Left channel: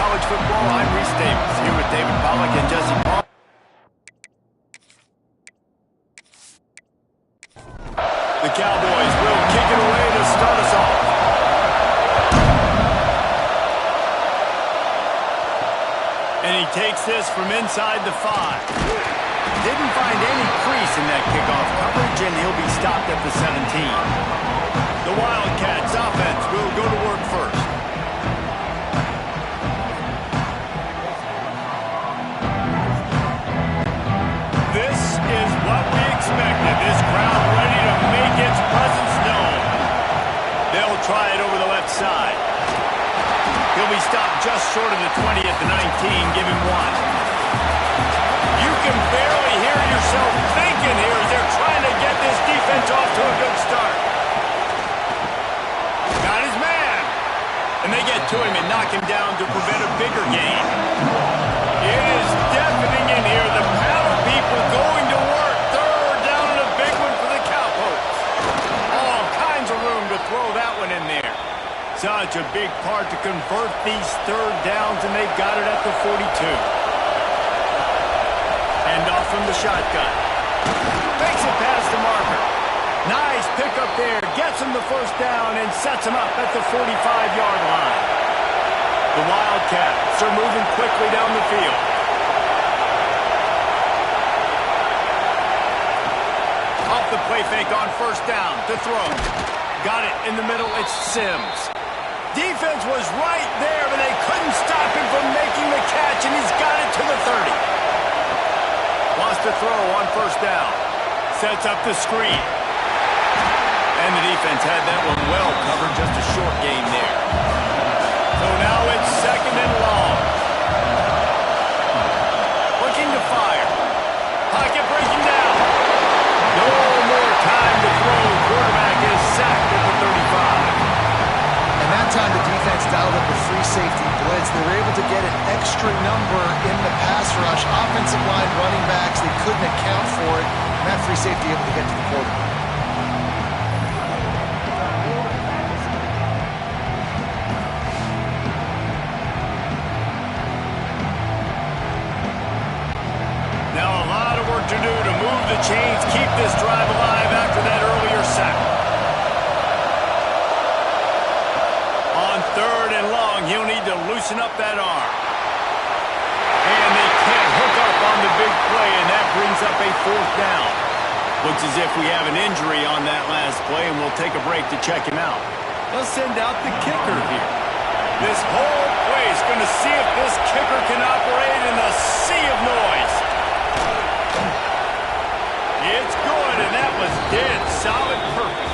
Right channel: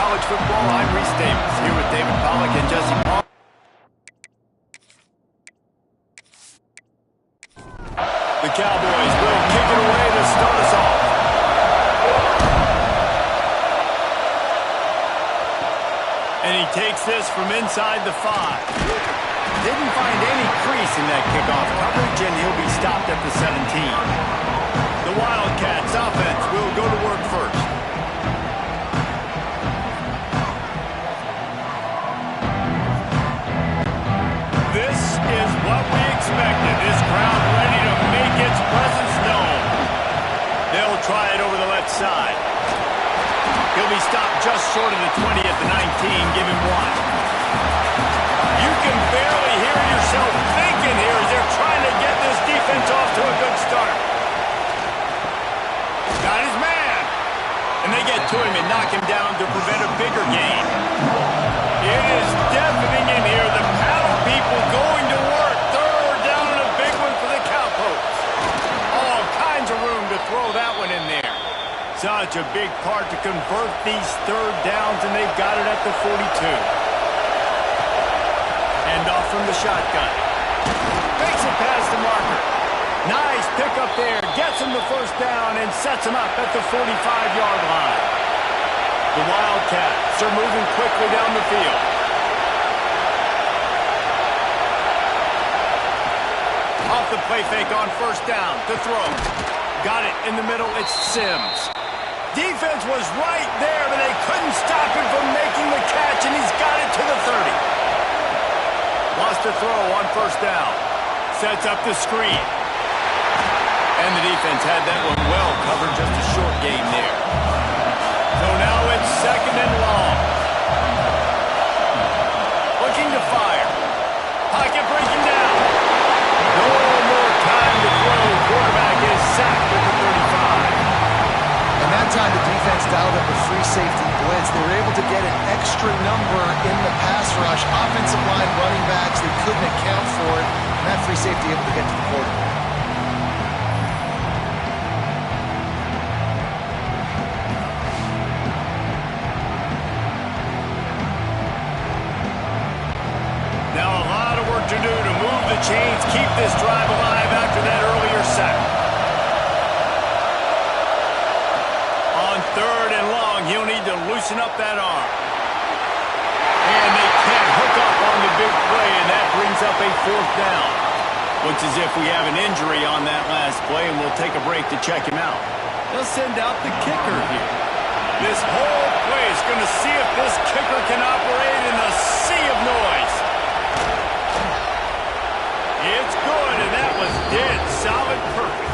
College Football. I'm Reese Davis, here with David Pollack and Jesse Paul. The Cowboys will kick it away to start us off. And he takes this from inside the 5. Didn't find any crease in that kickoff coverage, and he'll be stopped at the 17. The Wildcats offense will go to work first. This is what we expected. This crowd ready to make its presence known. They'll try it over the left side. He'll be stopped just short of the 20 at the 19. Give him 1. You can barely hear yourself thinking here as they're trying to get this defense off to a good start. Got his man. And they get to him and knock him down to prevent a bigger gain. It is deafening in here. The paddle people going to work. Third down and a big one for the Cowpokes. All kinds of room to throw that one in there. Such a big part to convert these third downs, and they've got it at the 42. And off from the shotgun. Makes it past the marker. Nice pickup there. Gets him the first down and sets him up at the 45-yard line. The Wildcats are moving quickly down the field. Off the play fake on first down to throw. Got it in the middle. It's Sims. Defense was right there, but they couldn't stop him from making the catch, and he's got it to the 30. Lost a throw on first down. Sets up the screen. And the defense had that one well covered, just a short gain there. So now it's second and long. Looking to fire. Pocket breaking down. No more time to throw. Quarterback is sacked at the 35. And that time the defense dialed up a free safety blitz. They were able to get an extra number in the pass rush. Offensive line, running backs, they couldn't account for it. And that free safety able to get to the quarterback. Now a lot of work to do to move the chains, keep this drive alive after that earlier sack. On third and long, he'll need to loosen up that arm. And they can't hook up on the big play, and that brings up a fourth down. Looks as if we have an injury on that last play, and we'll take a break to check him out. They'll send out the kicker here. This whole play is going to see if this kicker can operate in a sea of noise. It's good, and that was dead solid perfect.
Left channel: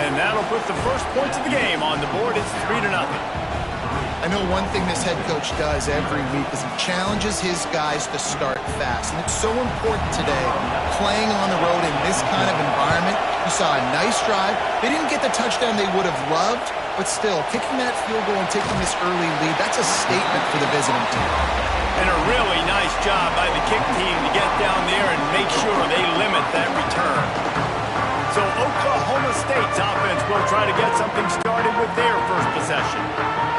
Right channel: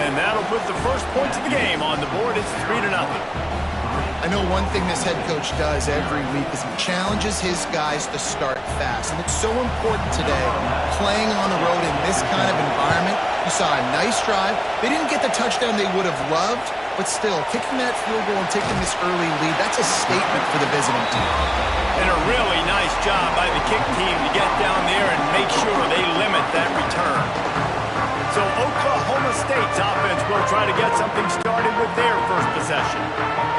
And that'll put the first points of the game on the board. It's 3-0. I know one thing this head coach does every week is he challenges his guys to start fast. And it's so important today, playing on the road in this kind of environment. You saw a nice drive. They didn't get the touchdown they would have loved, but still, kicking that field goal and taking this early lead, that's a statement for the visiting team. And a really nice job by the kick team to get down there and make sure they limit that return. So Oklahoma State's offense will try to get something started with their first possession.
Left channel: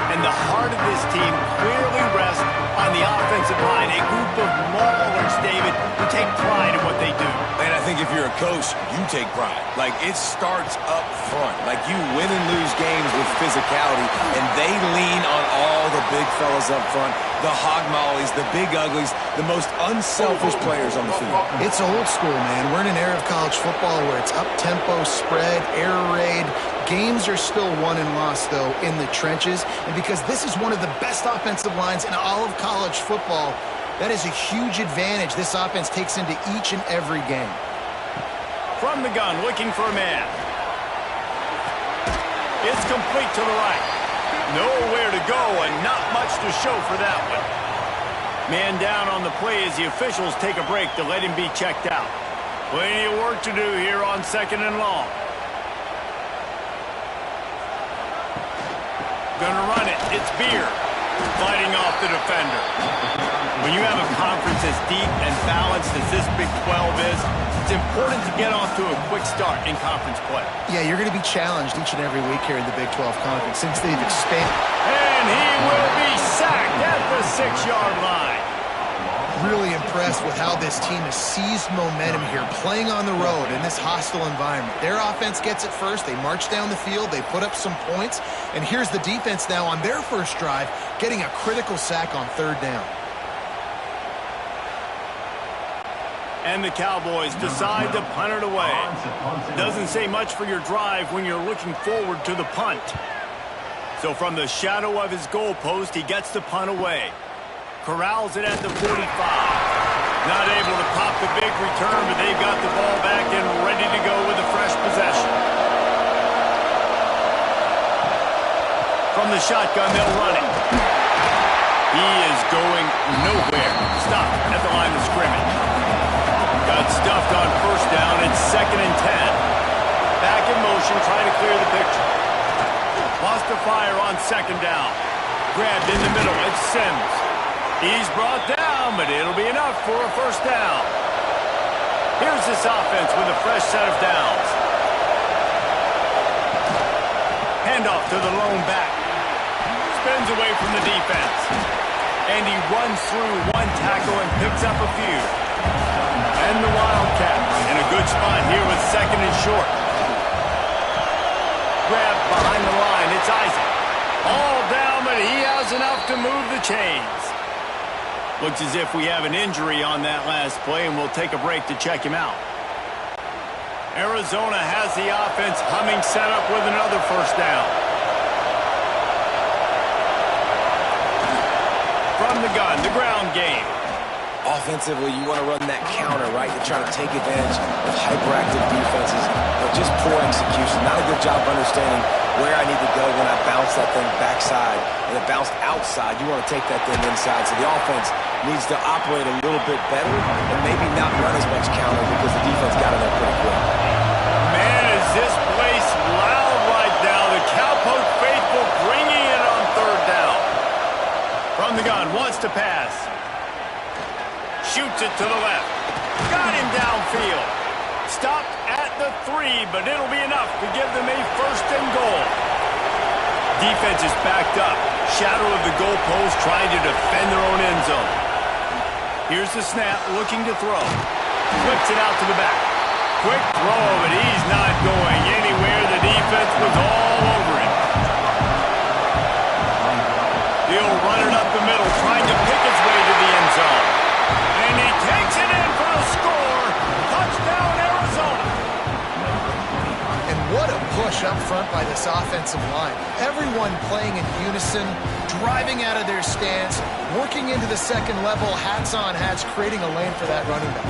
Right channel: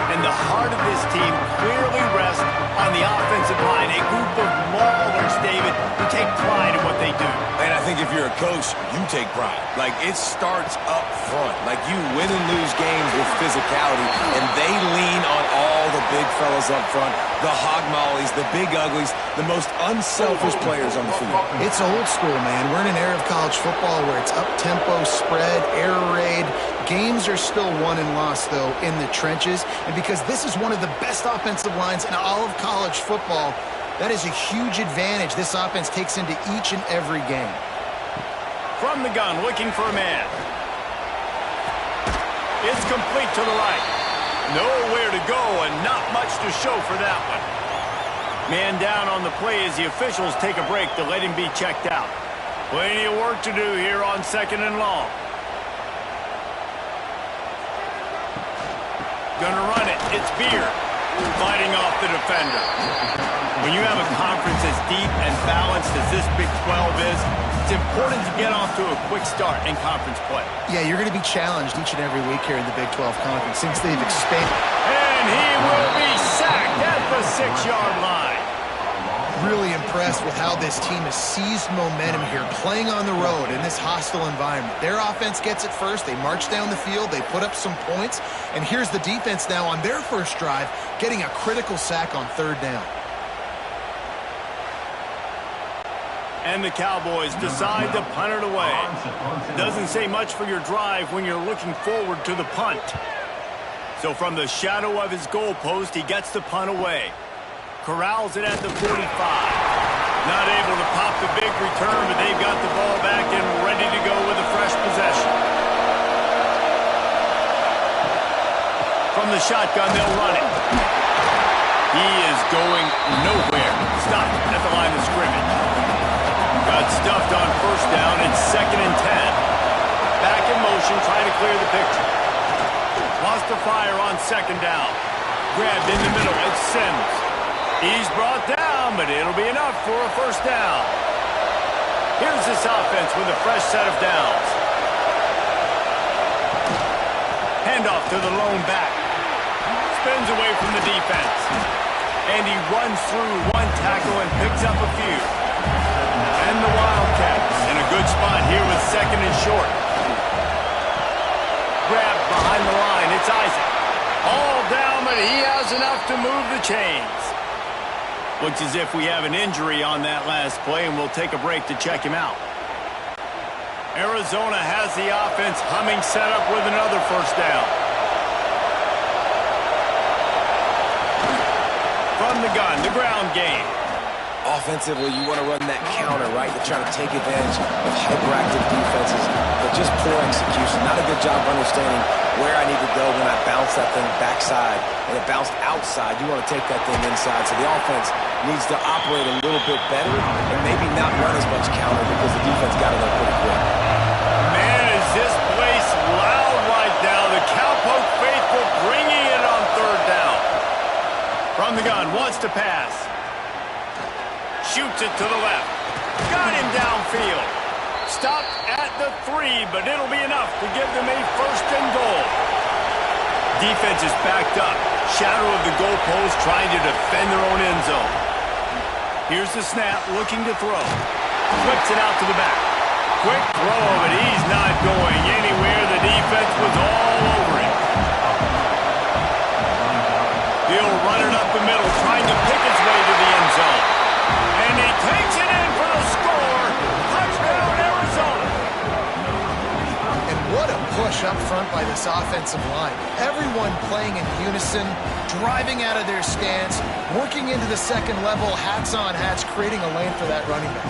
And the heart of this team clearly rests on the offensive line, a group of maulers, David, who take pride in what they do. And I think if you're a coach, you take pride. Like, it starts up front. Like, you win and lose games with physicality, and they lean on all the big fellas up front, the hog mollies, the big uglies, the most unselfish players on the field. It's old school, man. We're in an era of college football where it's up-tempo, spread, air raid. Games are still won and lost, though, in the trenches. And because this is one of the best offensive lines in all of college football, that is a huge advantage this offense takes into each and every game. From the gun, looking for a man. It's complete to the right. Nowhere to go and not much to show for that one. Man down on the play as the officials take a break to let him be checked out. Plenty of work to do here on second and long. Gonna run it. It's Beard fighting off the defender. When you have a conference as deep and balanced as this Big 12 is, It's important to get off to a quick start in conference play. Yeah, you're going to be challenged each and every week here in the Big 12 Conference since they've expanded. And he will be sacked at the 6-yard line. Really impressed with how this team has seized momentum here, playing on the road in this hostile environment. Their offense gets it first. They march down the field. They put up some points. And here's the defense now on their first drive, getting a critical sack on 3rd down. And the Cowboys decide to punt it away. Doesn't say much for your drive when you're looking forward to the punt. So from the shadow of his goalpost, he gets the punt away. Corrals it at the 45. Not able to pop the big return, but they've got the ball back and ready to go with a fresh possession. From the shotgun, they'll run it. He is going nowhere. Stopped at the line of scrimmage. Got stuffed on 1st down. It's 2nd and 10. Back in motion, trying to clear the picture. Lost to fire on 2nd down. Grabbed in the middle. It's Sims. He's brought down, but it'll be enough for a 1st down. Here's this offense with a fresh set of downs. Handoff to the lone back. Spins away from the defense. And he runs through one tackle and picks up a few. And the Wildcats in a good spot here with 2nd and short. Grabbed behind the line. It's Isaac. All down, but he has enough to move the chains. Looks as if we have an injury on that last play, and we'll take a break to check him out. Arizona has the offense humming, set up with another 1st down. From the gun, the ground game. Offensively, you want to run that counter, right? To try to take advantage of hyperactive defenses, but just poor execution. Not a good job of understanding where I need to go when I bounce that thing backside, and it bounced outside. You want to take that thing inside. So the offense needs to operate a little bit better and maybe not run as much counter because the defense got in there pretty quick. Man, is this place loud right now. The Cowpoke faithful bringing it on 3rd down. From the gun, wants to pass. Shoots it to the left. Got him downfield. Stopped at the 3, but it'll be enough to give them a 1st and goal. Defense is backed up. Shadow of the goalpost trying to defend their own end zone. Here's the snap, looking to throw. Flips it out to the back. Quick throw, but he's not going anywhere. The defense was all over him. He'll run it up the middle, trying to pick his way to the end zone. And he takes it in for the score. Touchdown, Arizona. And what a push up front by this offensive line. Everyone playing in unison, driving out of their stance, working into the 2nd level, hats on hats, creating a lane for that running back.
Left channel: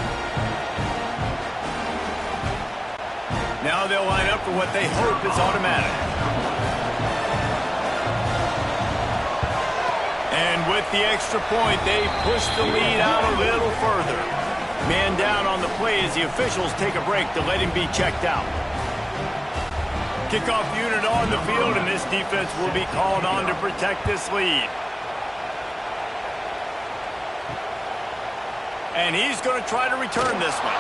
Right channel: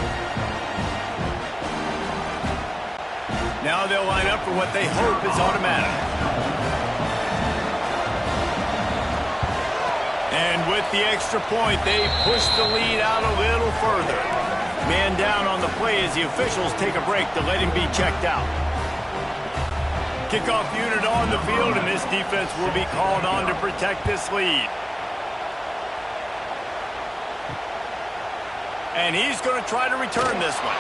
Now they'll line up for what they hope is automatic. And with the extra point, they push the lead out a little further. Man down on the play as the officials take a break to let him be checked out. Kickoff unit on the field, and this defense will be called on to protect this lead. And he's going to try to return this one.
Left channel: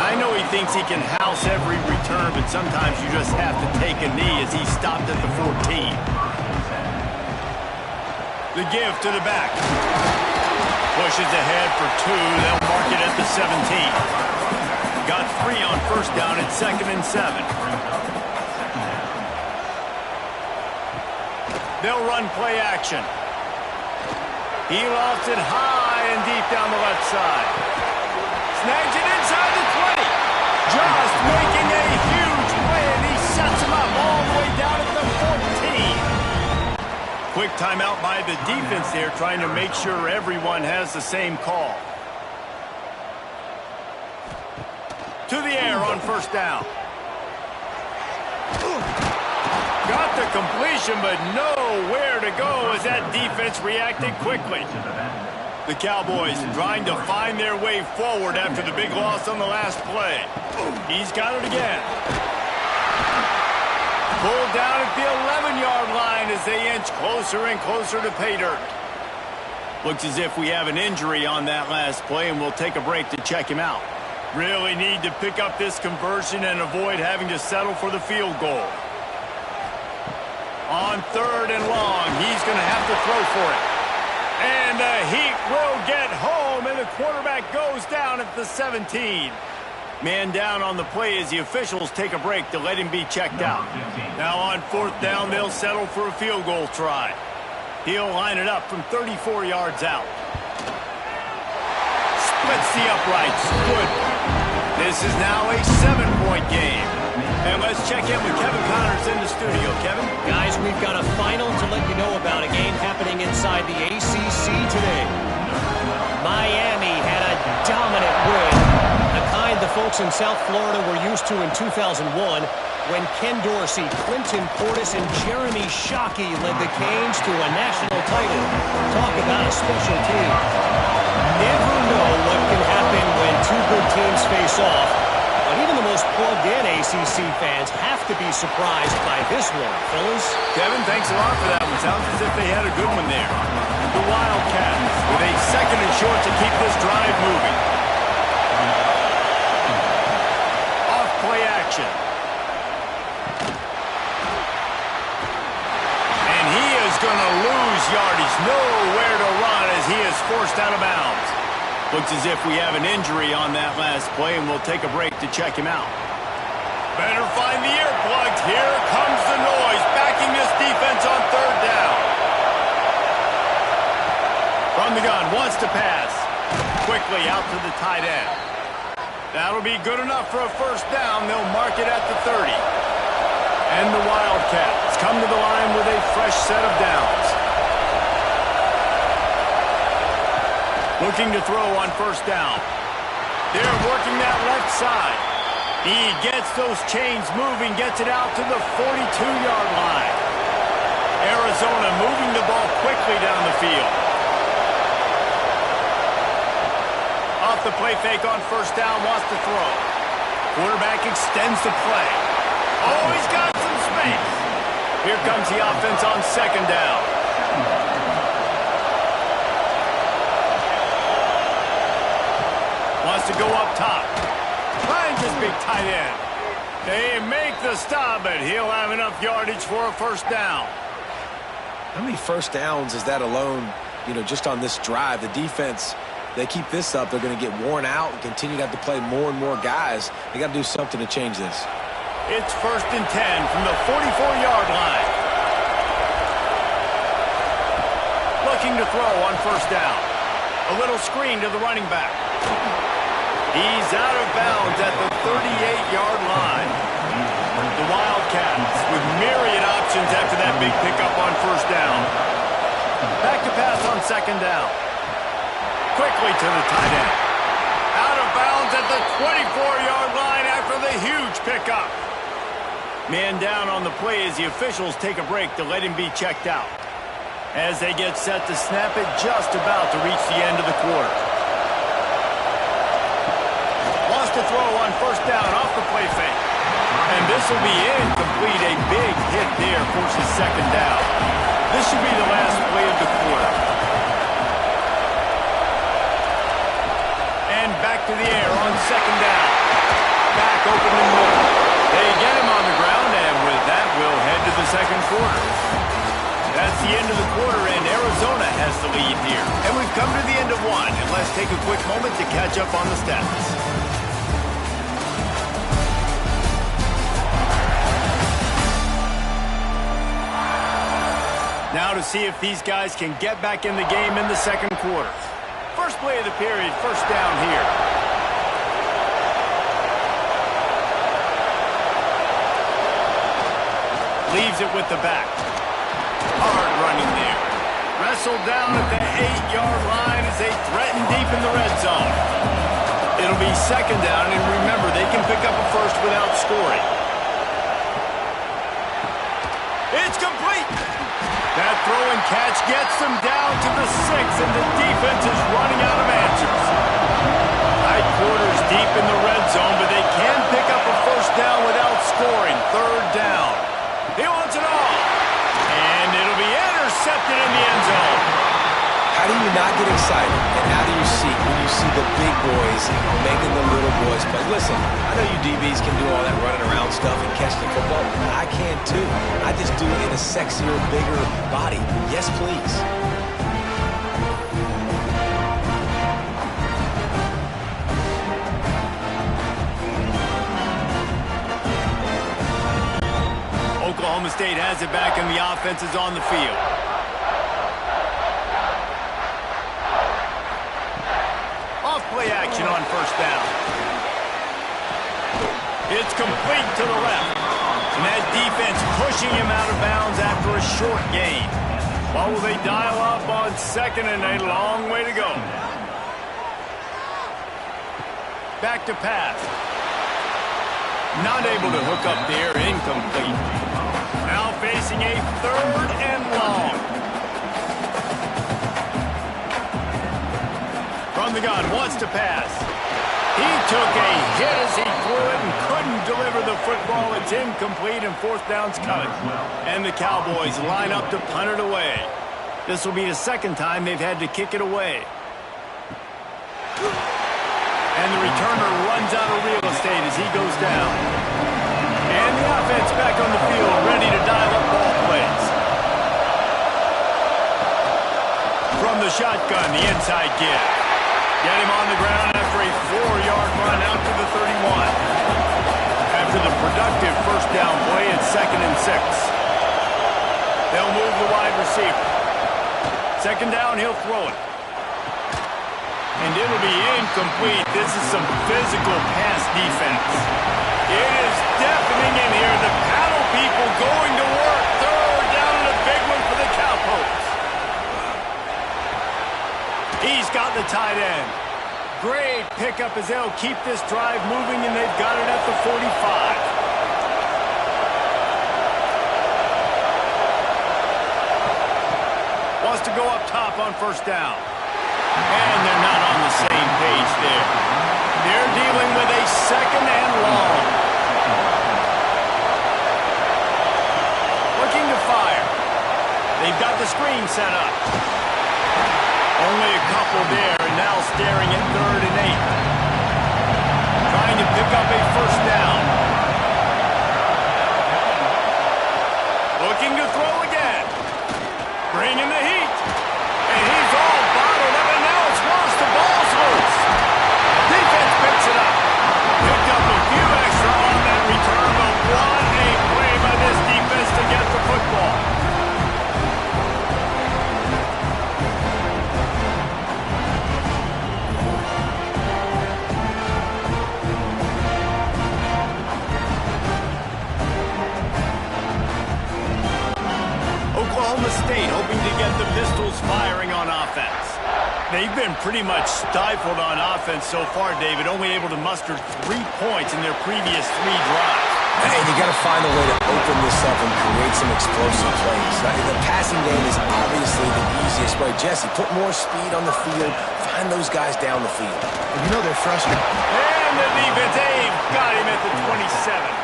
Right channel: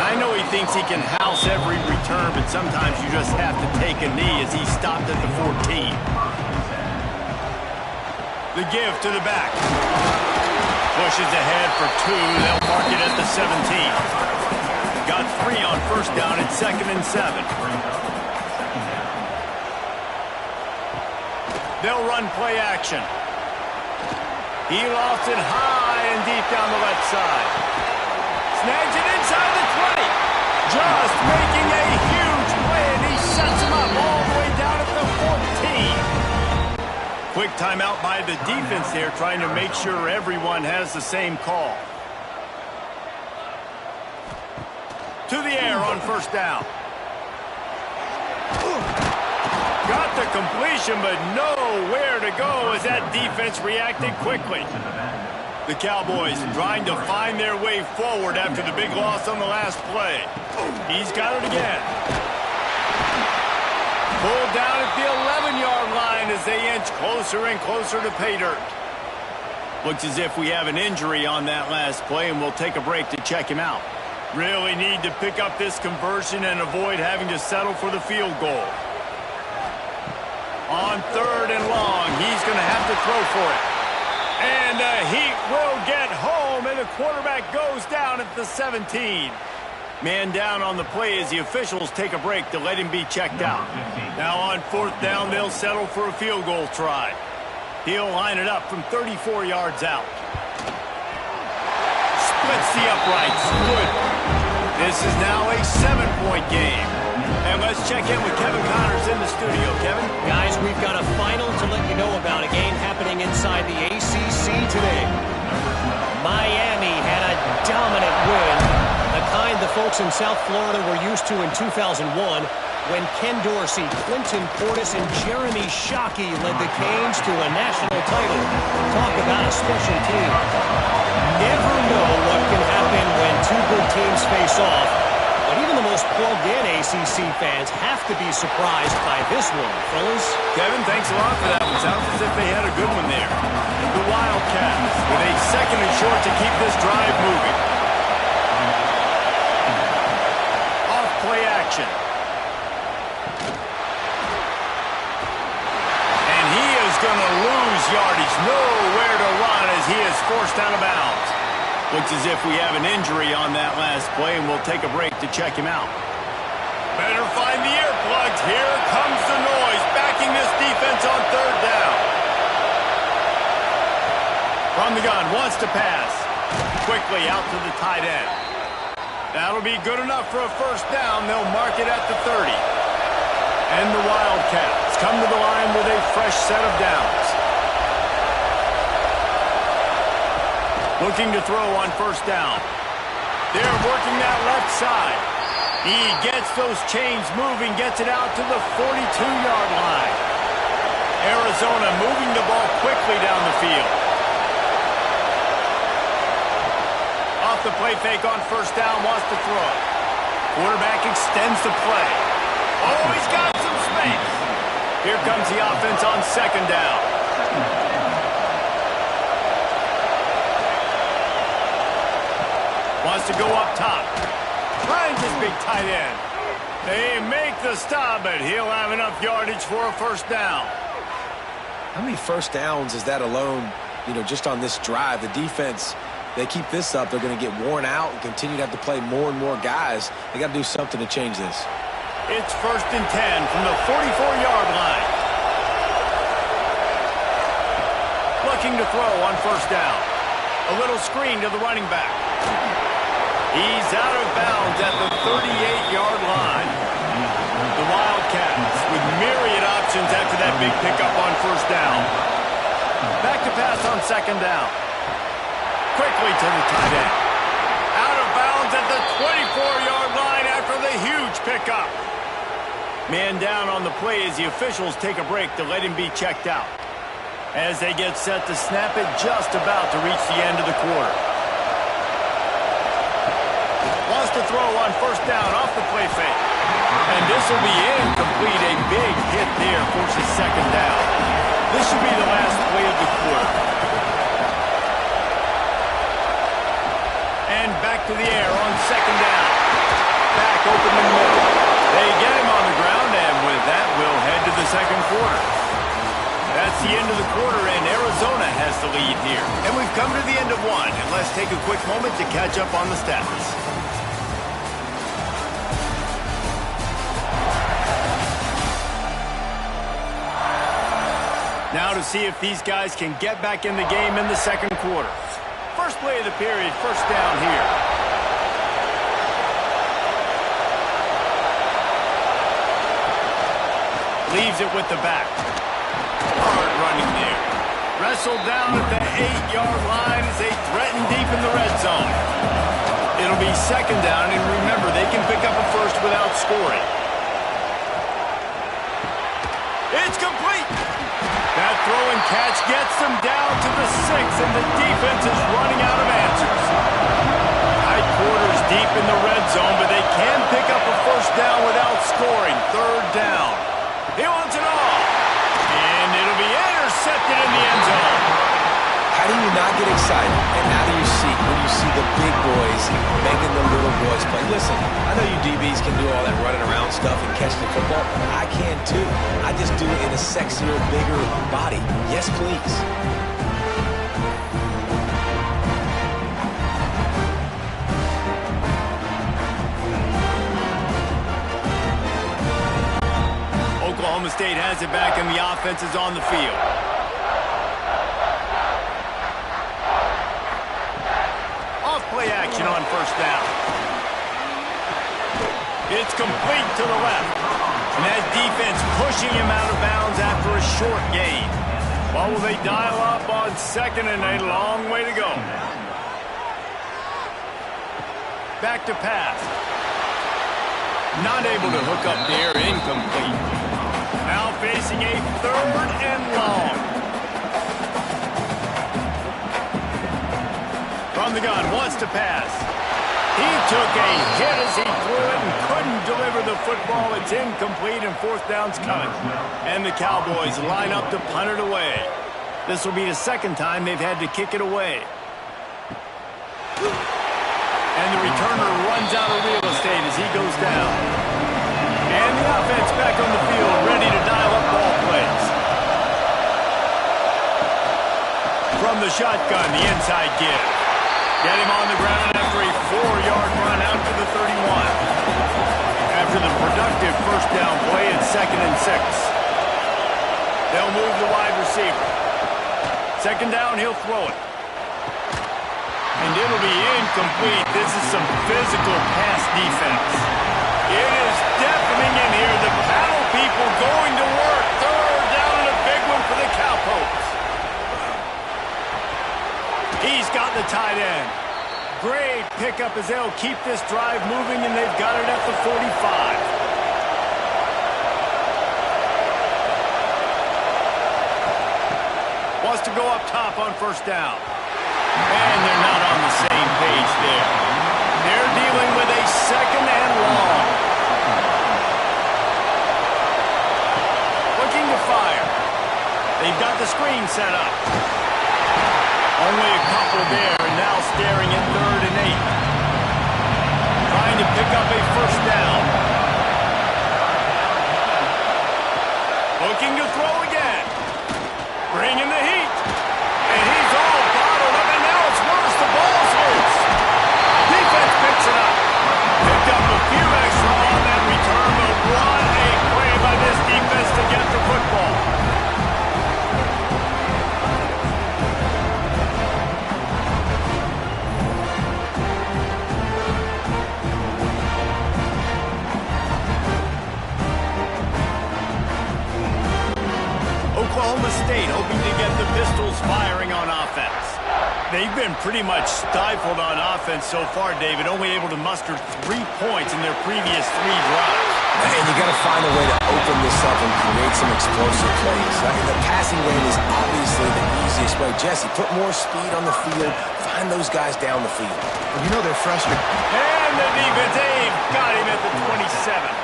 I know he thinks he can house every return, but sometimes you just have to take a knee as he stopped at the 14. The give to the back. Pushes ahead for 2. They'll mark it at the 17. Got 3 on 1st down at 2nd and 7. They'll run play action. He lofts it high and deep down the left side. Snags it inside the 20. Just making a huge play, and he sets him up all the way down at the 14. Quick timeout by the defense there, trying to make sure everyone has the same call. To the air on 1st down. Got the completion, but nowhere to go as that defense reacted quickly. The Cowboys trying to find their way forward after the big loss on the last play. He's got it again. Pulled down at the 11-yard line as they inch closer and closer to pay dirt. Looks as if we have an injury on that last play, and we'll take a break to check him out. Really need to pick up this conversion and avoid having to settle for the field goal. On 3rd and long, he's going to have to throw for it. And the Heat will get home, and the quarterback goes down at the 17. Man down on the play as the officials take a break to let him be checked out. Now on 4th down, they'll settle for a field goal try. He'll line it up from 34 yards out. Splits the uprights. Good. This is now a 7-point game. And let's check in with Kevin Connors in the studio. Kevin? Guys, we've got a final to let you know about, a game happening inside the ACC today. Miami had a dominant win, the kind the folks in South Florida were used to in 2001 when Ken Dorsey, Clinton Portis, and Jeremy Shockey led the Canes to a national title. Talk about a special team. Never know what can happen when two good teams face off. But even the most plugged-in ACC fans have to be surprised by this one, fellas. Kevin, thanks a lot for that one. Sounds as if they had a good one there. The Wildcats with a 2nd and short to keep this drive moving. Off play action. And he is going to lose yardage. Nowhere to run as he is forced out of bounds. Looks as if we have an injury on that last play, and we'll take a break to check him out. Better find the earplugs. Here comes the noise, backing this defense on 3rd down. From the gun, wants to pass. Quickly out to the tight end. That'll be good enough for a 1st down. They'll mark it at the 30. And the Wildcats come to the line with a fresh set of downs. Looking to throw on 1st down. They're working that left side. He gets those chains moving, gets it out to the 42-yard line. Arizona moving the ball quickly down the field. Off the play fake on 1st down, wants to throw. Quarterback extends the play. Oh, he's got some space. Here comes the offense on 2nd down. Wants to go up top. Finds his big tight end. They make the stop, but he'll have enough yardage for a 1st down. How many 1st downs is that alone, just on this drive? The defense, they keep this up, they're going to get worn out and continue to have to play more and more guys. They got to do something to change this. It's 1st and 10 from the 44-yard line. Looking to throw on 1st down. A little screen to the running back. He's out of bounds at the 38-yard line. The Wildcats with myriad options after that big pickup on 1st down. Back to pass on 2nd down. Quickly to the tight end. Out of bounds at the 24-yard line after the huge pickup. Man down on the play as the officials take a break to let him be checked out. As they get set to snap it, just about to reach the end of the quarter. Wants to throw on 1st down off the play fake. And this will be incomplete. A big hit there forces 2nd down. This should be the last play of the quarter. And back to the air on 2nd down. Back open in the middle. They get him on the ground, and with that, we'll head to the 2nd quarter. That's the end of the quarter, and Arizona has the lead here. And we've come to the end of one, and let's take a quick moment to catch up on the stats. Now to see if these guys can get back in the game in the 2nd quarter. First play of the period, 1st down here. Leaves it with the back. Hard running there. Wrestled down at the 8-yard line as they threaten deep in the red zone. It'll be 2nd down, and remember, they can pick up a 1st without scoring. It's complete. That throw and catch gets them down to the 6, and the defense is running out of answers. Tight quarters deep in the red zone, but they can pick up a 1st down without scoring. 3rd down. He wants it all. And it'll be intercepted in the end zone. How do you not get excited and out of your seat when you see the big boys making the little boys play? Listen, I know you DBs can do all that running around stuff and catch the football. I can too. I just do it in a sexier, bigger body. Yes, please. Oklahoma State has it back and the offense is on the field. Off-play action on first down. It's complete to the left. And that defense pushing him out of bounds after a short gain. Well, will they dial up on second and a long way to go? Back to pass. Not able to hook up there, incomplete. Now facing a third and long. From the gun, wants to pass. He took a hit as he threw it and couldn't deliver the football. It's incomplete and fourth down's coming. And the Cowboys line up to punt it away. This will be the second time they've had to kick it away. And the returner runs out of real estate as he goes down. And the offense back on the field, ready to dial up ball plays. From the shotgun, the inside give. Get him on the ground after a 4-yard run out to the 31. After the productive first down play, it's 2nd and 6. They'll move the wide receiver. Second down, he'll throw it. And it'll be incomplete. This is some physical pass defense. It is deafening in here. The paddle people going to work. Third down and a big one for the Cowpokes. He's got the tight end. Great pickup as they'll keep this drive moving, and they've got it at the 45. Wants to go up top on first down. And they're not on the same page there. They're dealing with a second and long. Looking to fire. They've got the screen set up. Only a couple there, and now staring at 3rd and 8. Trying to pick up a first down. Looking to throw again. Bringing the heat. And he's all bottled up, and now it's worse. The ball's loose. Defense picks it up. Picked up a few extra on that return, but what a play by this defense to get the football. Oklahoma State hoping to get the Pistols firing on offense. They've been pretty much stifled on offense so far, David, only able to muster 3 points in their previous 3 drives. And you got to find a way to open this up and create some explosive plays. The passing game is obviously the easiest way. Jesse, put more speed on the field. Find those guys down the field. And you know they're frustrated. And the defense, they've got him at the 27.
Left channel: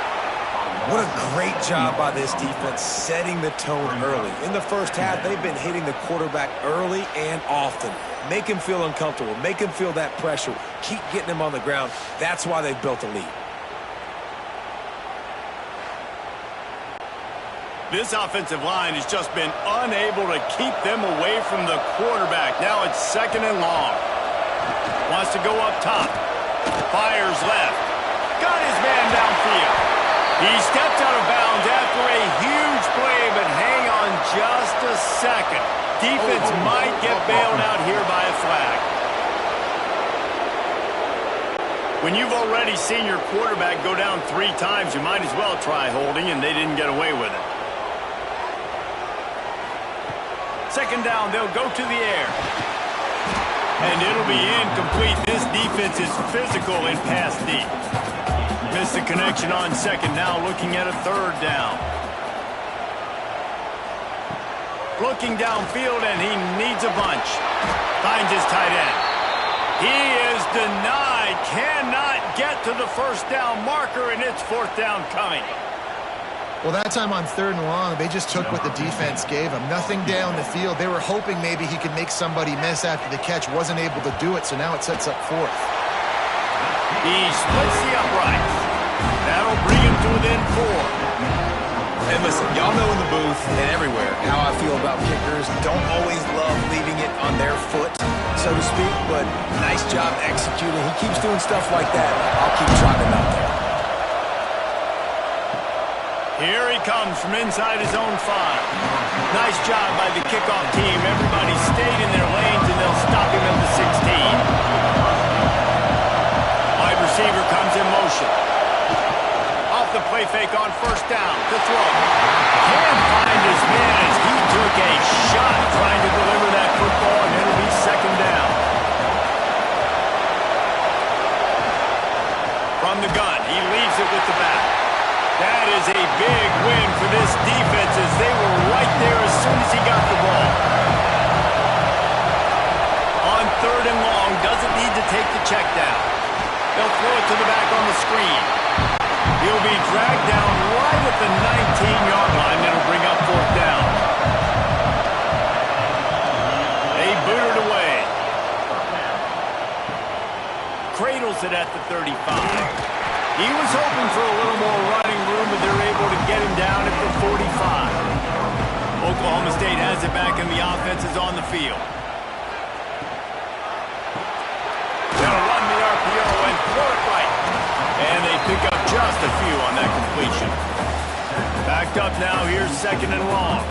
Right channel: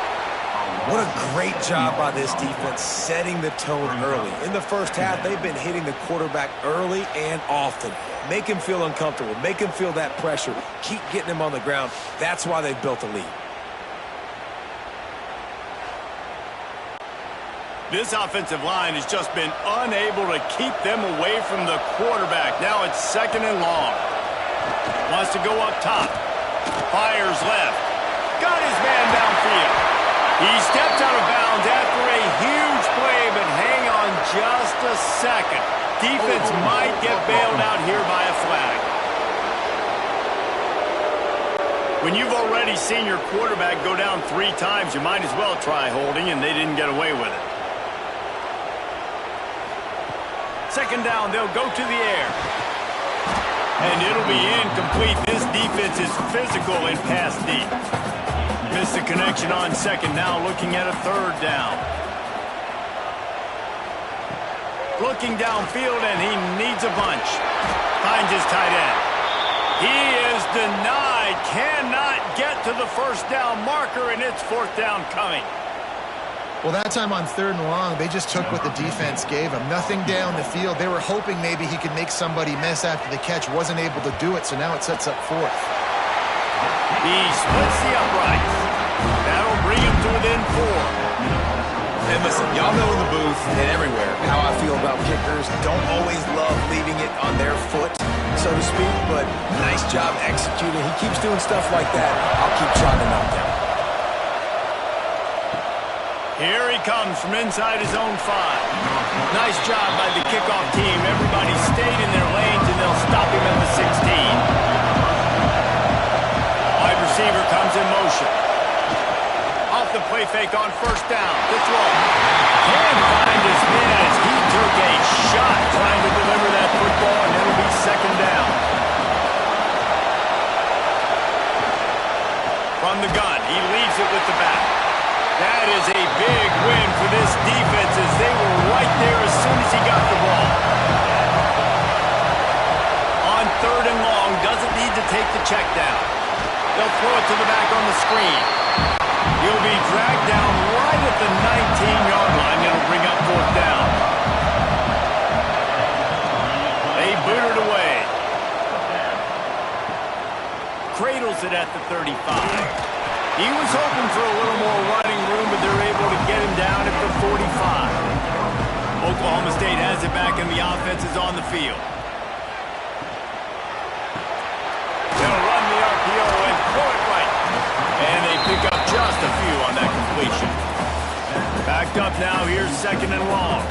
What a great job by this defense setting the tone early. In the first half, they've been hitting the quarterback early and often. Make him feel uncomfortable. Make him feel that pressure. Keep getting him on the ground. That's why they've built a lead. This offensive line has just been unable to keep them away from the quarterback. Now it's 2nd and long. Wants to go up top. Fires left. Got his man downfield. He stepped out of bounds after a huge play, but hang on just a second. Defense might get bailed out here by a flag. When you've already seen your quarterback go down 3 times, you might as well try holding, and they didn't get away with it. Second down, they'll go to the air. And it'll be incomplete. This defense is physical in pass deep. Missed the connection on second, now looking at a 3rd down. Looking downfield, and he needs a bunch. Finds his tight end. He is denied. Cannot get to the first down marker, and it's 4th down coming. Well, that time on 3rd and long, they just took what the defense gave them. Nothing down the field. They were hoping maybe he could make somebody miss after the catch. Wasn't able to do it, so now it sets up 4th. He splits the uprights. That'll bring him to within 4. And listen, y'all know in the booth and everywhere how I feel about kickers. Don't always love leaving it on their foot, so to speak, but nice job executing. He keeps doing stuff like that. I'll keep trotting him out there. Here he comes from inside his own 5. Nice job by the kickoff team. Everybody stayed in their lanes, and they'll stop him at the 16. Wide receiver comes in motion. Off the play fake on 1st down to throw. Can't find his man as he took a shot trying to deliver that football, and it'll be 2nd down. From the gun, he leaves it with the back. That is a big win for this defense as they were right there as soon as he got the ball. On 3rd and long, doesn't need to take the check down. They'll throw it to the back on the screen. He'll be dragged down right at the 19-yard line. It'll bring up 4th down. They boot it away. Cradles it at the 35. He was hoping for a little more running room, but they're able to get him down at the 45. Oklahoma State has it back, and the offense is on the field. They'll run the RPO and throw it right. And they pick up just a few on that completion. Backed up now, here's 2nd and long.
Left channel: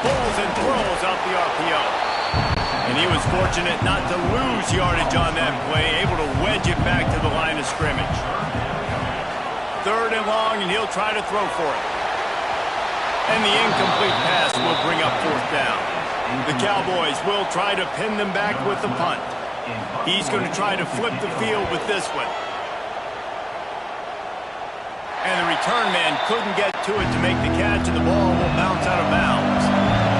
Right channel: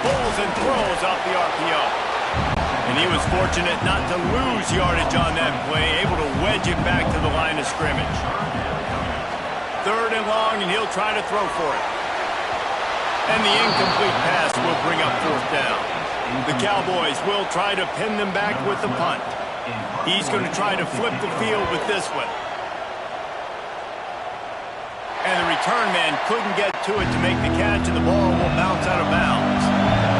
Pulls and throws off the RPO. And he was fortunate not to lose yardage on that play, able to wedge it back to the line of scrimmage. 3rd and long, and he'll try to throw for it. And the incomplete pass will bring up 4th down. The Cowboys will try to pin them back with the punt. He's going to try to flip the field with this one. And the return man couldn't get to it to make the catch, and the ball will bounce out of bounds.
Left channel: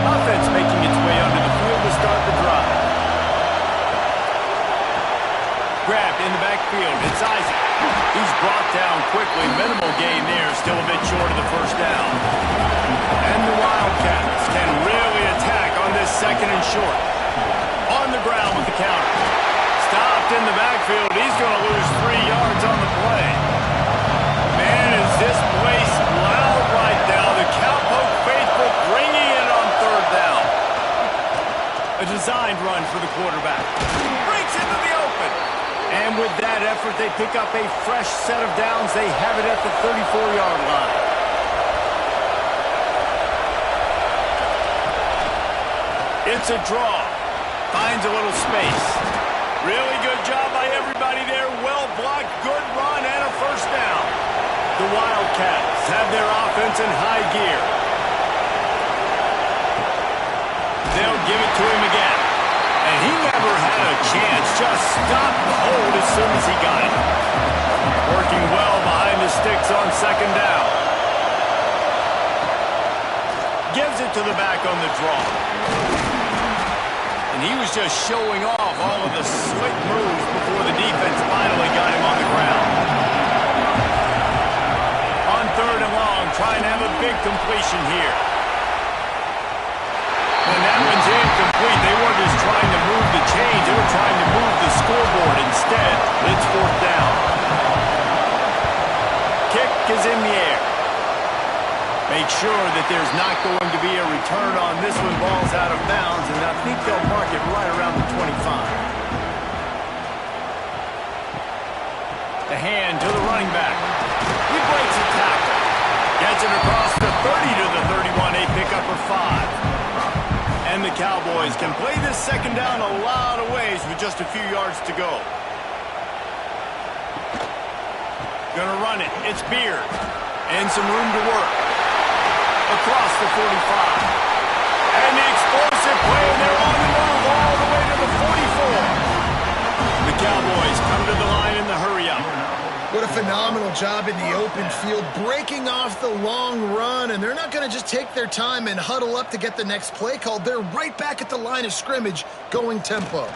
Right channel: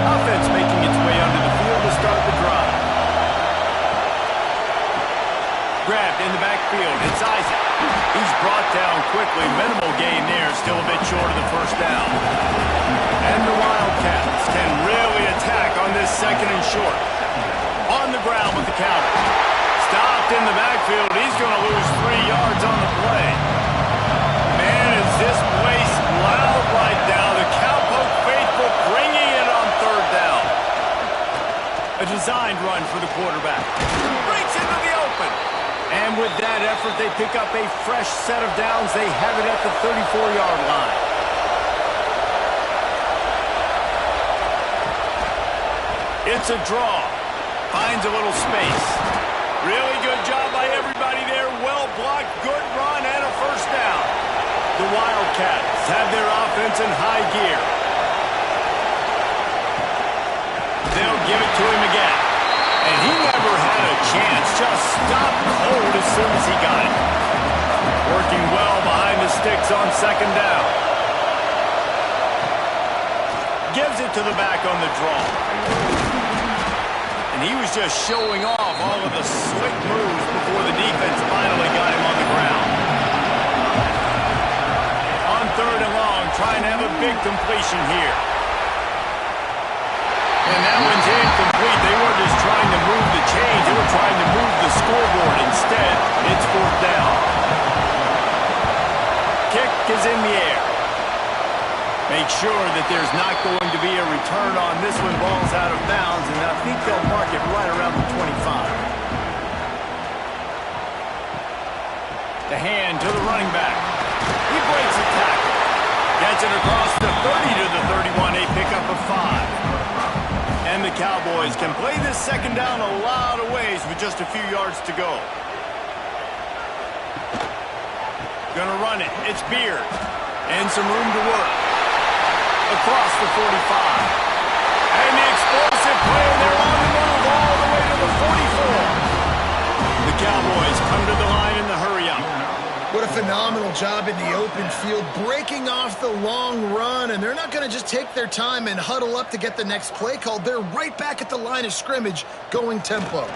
Offense making its way under the field to start the drive. Grabbed in the backfield. It's Isaac. He's brought down quickly. Minimal gain there. Still a bit short of the 1st down. And the Wildcats can really attack on this 2nd and short. On the ground with the counter. Stopped in the backfield. He's going to lose 3 yards on the play. Man, is this place loud right now. The Cowpoke faithful bringing it on 3rd down. A designed run for the quarterback. Breaks into the open. And with that effort, they pick up a fresh set of downs. They have it at the 34-yard line. It's a draw. Finds a little space. Really good job by everybody there. Well blocked, good run, and a 1st down. The Wildcats have their offense in high gear. They'll give it to him again. And he never had a chance. Just stopped cold as soon as he got it. Working well behind the sticks on 2nd down. Gives it to the back on the draw. And he was just showing off all of the slick moves before the defense finally got him on the ground. On 3rd and long, trying to have a big completion here. And that one's incomplete. They weren't just trying to move the chains. They were trying to move the scoreboard. Instead, it's 4th down. Kick is in the air. Make sure that there's not going to be a return on this one. Ball's out of bounds, and I think they'll mark it right around the 25. The hand to the running back. He breaks a tackle. Gets it across the 30 to the 31. A pickup of 5. And the Cowboys can play this 2nd down a lot of ways with just a few yards to go. Gonna run it. It's Beard. And some room to work. Across the 45. And the explosive play, and they're on the move all the way to the 44. The Cowboys come to the line in the hurry-up. What a phenomenal job in the open field, breaking off the long run, and they're not going to just take their time and huddle up to get the next play called. They're right back at the line of scrimmage, going tempo.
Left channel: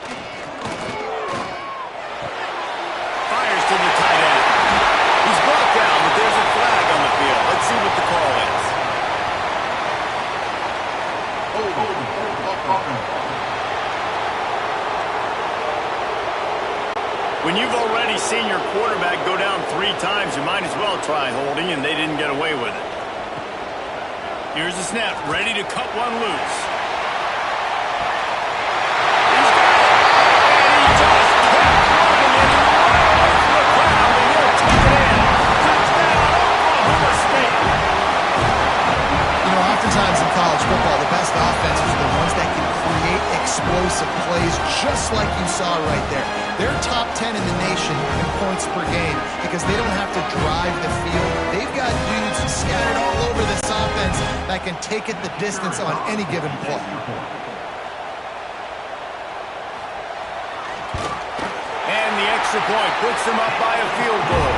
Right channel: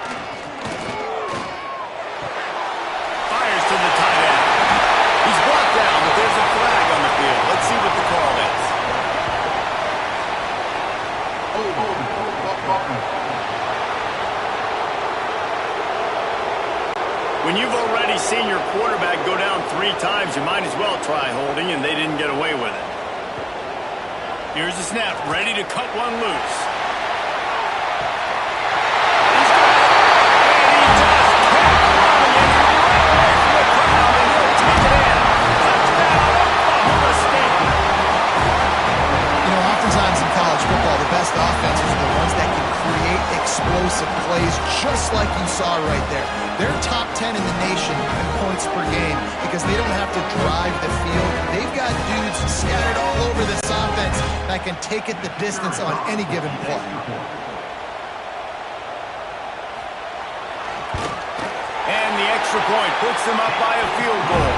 Fires to the tight end. He's brought down, but there's a flag on the field. Let's see what the call is. When you've already seen your quarterback go down 3 times, you might as well try holding, and they didn't get away with it. Here's the snap, ready to cut one loose. He's got it, and he just kept running, and he ran away from the crowd, and he'll take it in. Touchdown, Oklahoma State. You know, oftentimes in college football, the best offenses are the ones that can create explosive plays, just like you saw right there. They're top 10 in the nation in points per game because they don't have to drive the field. They've got dudes scattered all over this offense that can take it the distance on any given play. And the extra point puts them up by a field goal.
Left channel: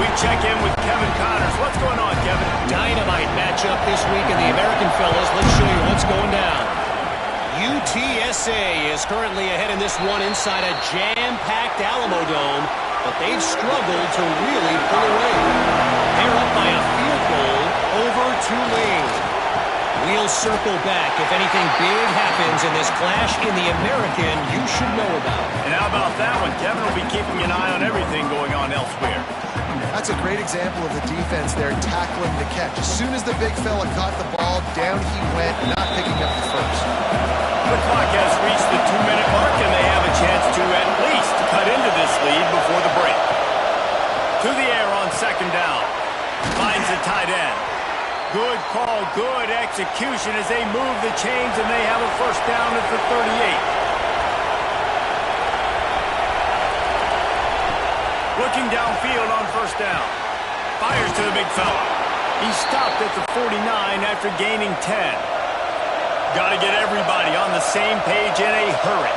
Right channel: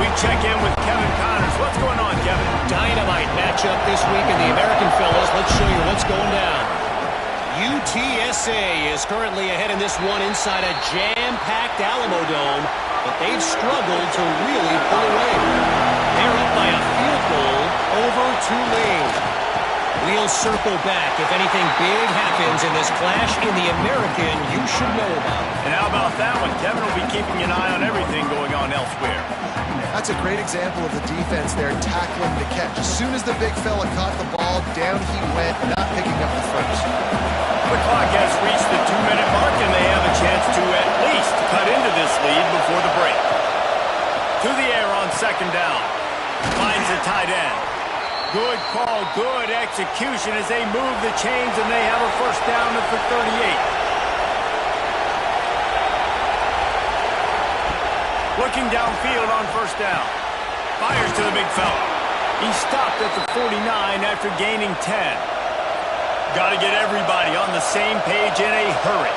We check in with Kevin Connors. What's going on, Kevin? Dynamite matchup this week in the American fellas. Let's show you what's going down. UTSA is currently ahead in this one inside a jam-packed Alamo Dome, but they've struggled to really pull away. They're up by a field goal over Tulane. We'll circle back if anything big happens in this clash in the American you should know about. And how about that one? Kevin will be keeping an eye on everything going on elsewhere. That's a great example of the defense there tackling the catch. As soon as the big fella caught the ball, down he went, not picking up the first. The clock has reached the 2-minute mark, and they have a chance to at least cut into this lead before the break. To the air on second down. Finds the tight end. Good call, good execution as they move the chains, and they have a first down at the 38. Looking downfield on first down. Fires to the big fella. He stopped at the 49 after gaining 10. Got to get everybody on the same page in a hurry.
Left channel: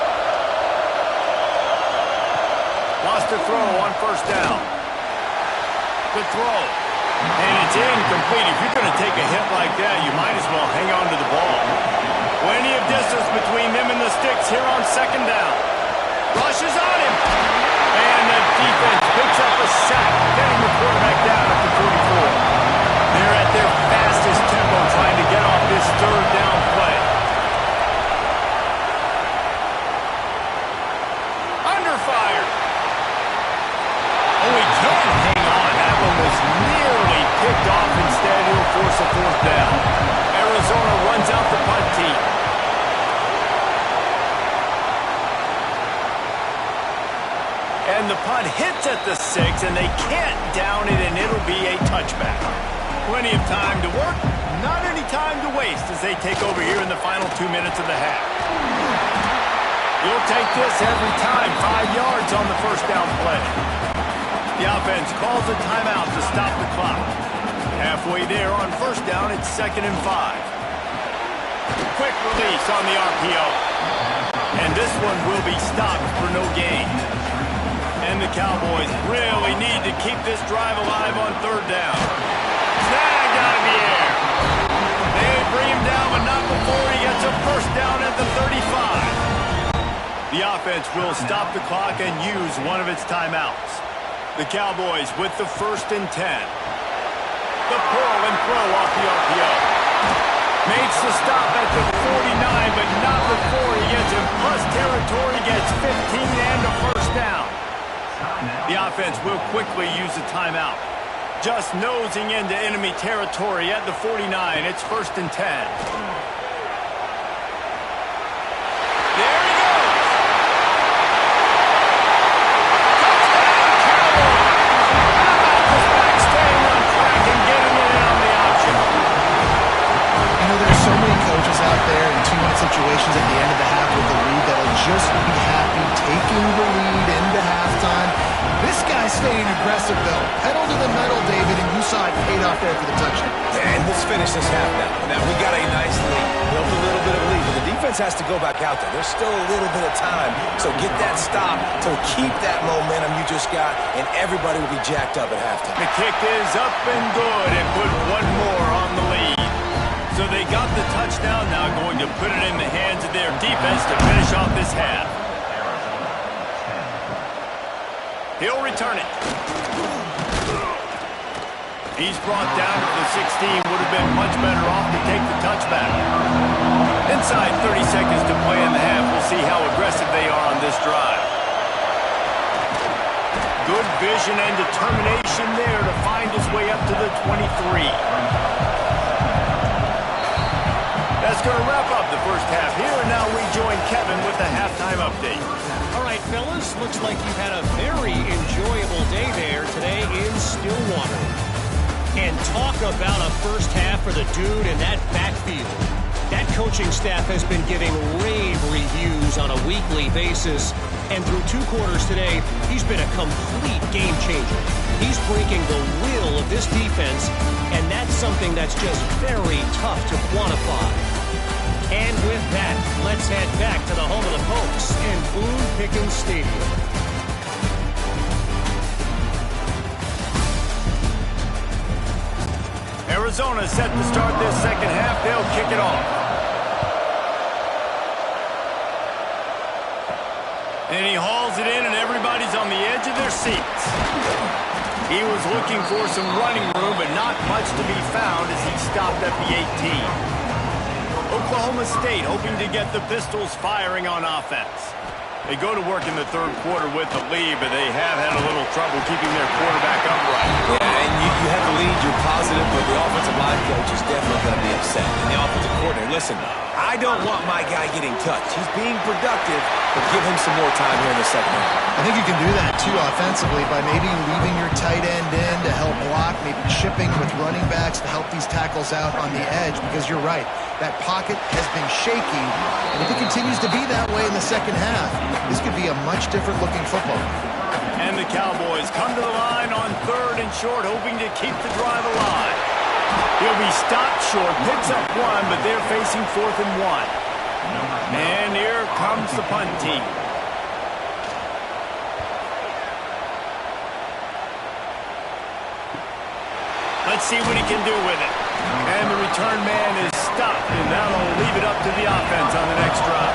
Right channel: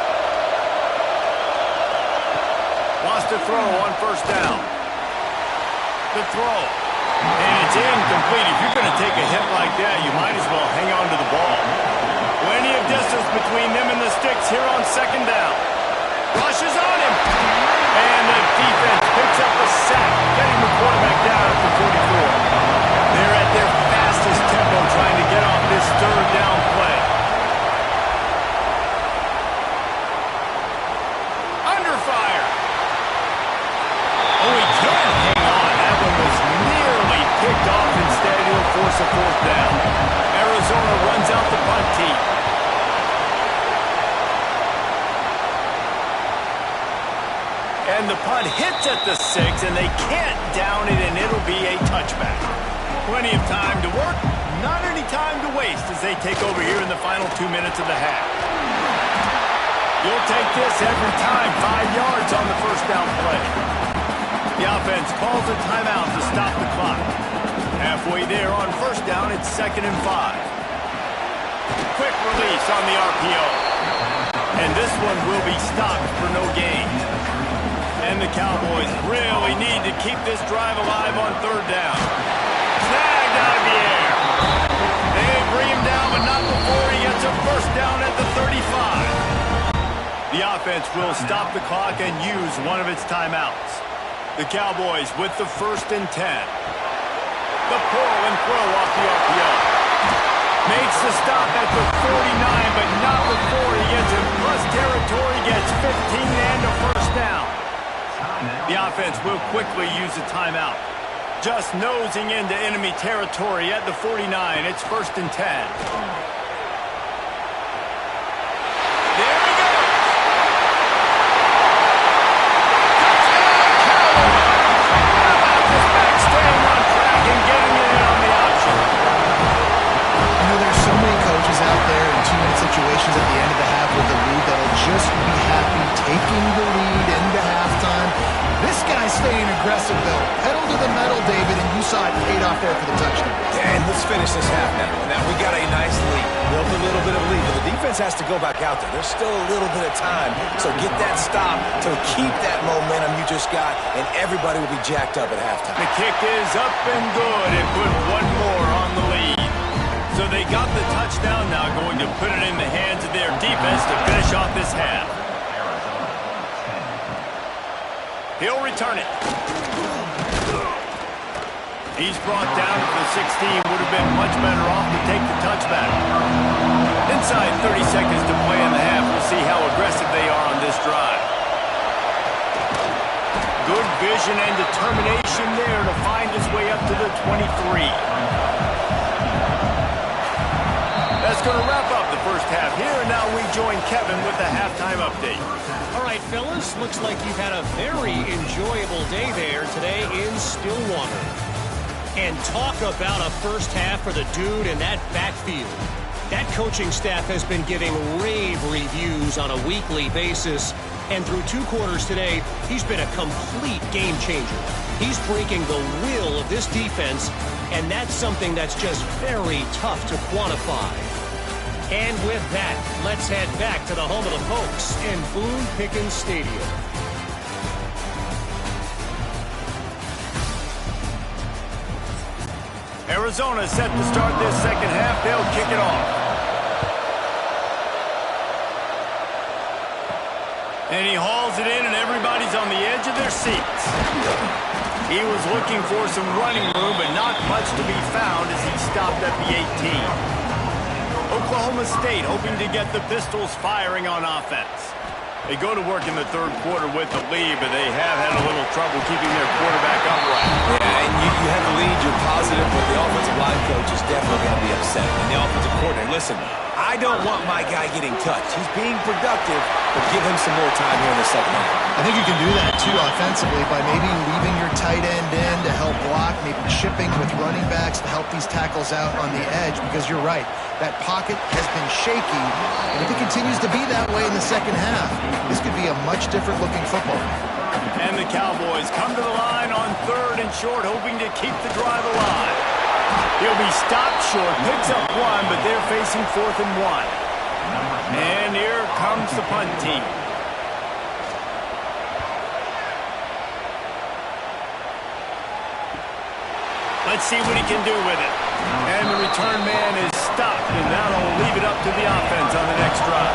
Wants to throw on first down. The throw. And it's incomplete. If you're going to take a hit like that, you might as well hang on to the ball. Plenty of distance between them and the sticks here on second down. Rushes on him. And the defense picks up a sack, getting the quarterback down at the 44. They're at their fastest tempo trying to get off this third down play. Under fire. Oh, he can hang on. That one was nearly picked off. Instead, he'll force a fourth down. Arizona runs out the punt team. And the punt hits at the 6, and they can't down it, and it'll be a touchback. Plenty of time to work, not any time to waste as they take over here in the final 2 minutes of the half. You'll take this every time, 5 yards on the first down play. The offense calls a timeout to stop the clock. Halfway there on first down, it's 2nd and 5. Quick release on the RPO. And this one will be stopped for no gain. And the Cowboys really need to keep this drive alive on third down. Snagged out of the air. They bring him down, but not before he gets a first down at the 35. The offense will stop the clock and use one of its timeouts. The Cowboys with the 1st and 10. The pull and throw off the RPO. Makes the stop at the 49, but not before he gets in plus territory, gets 15 and a first down. The offense will quickly use a timeout. Just nosing into enemy territory at the 49. It's 1st and 10. There he goes. Touchdown, Cowboys. How about this back staying on track and getting it in on the option? You know, there's so many coaches out there in 2-minute situations at the end of the half with the lead that'll just be happy taking the lead into halftime. This guy's staying aggressive, though. Pedal to the metal, David, and you saw it paid off there for the touchdown. And let's finish this half now. Now, we got a nice lead. Built a little bit of a lead, but the defense has to go back out there. There's still a little bit of time. So get that stop to keep that momentum you just got, and everybody will be jacked up at halftime. The kick is up and good and put one more on the lead. So they got the touchdown now, going to put it in the hands of their defense to finish off this half. He'll return it. He's brought down to the 16. Would have been much better off to take the touchback. Inside 30 seconds to play in the half. We'll see how aggressive they are on this drive. Good vision and determination there to find his way up to the 23. That's going to wrap up the first half here, and now we join Kevin with the halftime update. All right, fellas, looks like you've had a very enjoyable day there today in Stillwater. And talk about a first half for the dude in that backfield. That coaching staff has been giving rave reviews on a weekly basis. And through 2 quarters today, he's been a complete game changer. He's breaking the will of this defense, and that's something that's just very tough to quantify. And with that, let's head back to the home of the Pokes in Boone Pickens Stadium. Arizona set to start this second half. They'll kick it off. And he hauls it in, and everybody's on the edge of their seats. He was looking for some running room, but not much to be found as he stopped at the 18. Oklahoma State hoping to get the Pistols firing on offense. They go to work in the third quarter with the lead, but they have had a little trouble keeping their quarterback upright. Yeah, and you have the lead, you're positive, but the offensive line coach is definitely going to be upset. And the offensive coordinator, listen, I don't want my guy getting touched. He's being productive, but give him some more time here in the second half. I think you can do that, too, offensively, by maybe leaving your tight end in to help block, maybe chipping with running backs to help these tackles out on the edge, because you're right. That pocket has been shaky, and if it continues to be that way in the second half, this could be a much different-looking football. And the Cowboys come to the line on 3rd and short, hoping to keep the drive alive. He'll be stopped short, picks up 1, but they're facing 4th and 1. And here comes the punt team. Let's see what he can do with it. And the return man is stopped, and that'll leave it up to the offense on the next drive.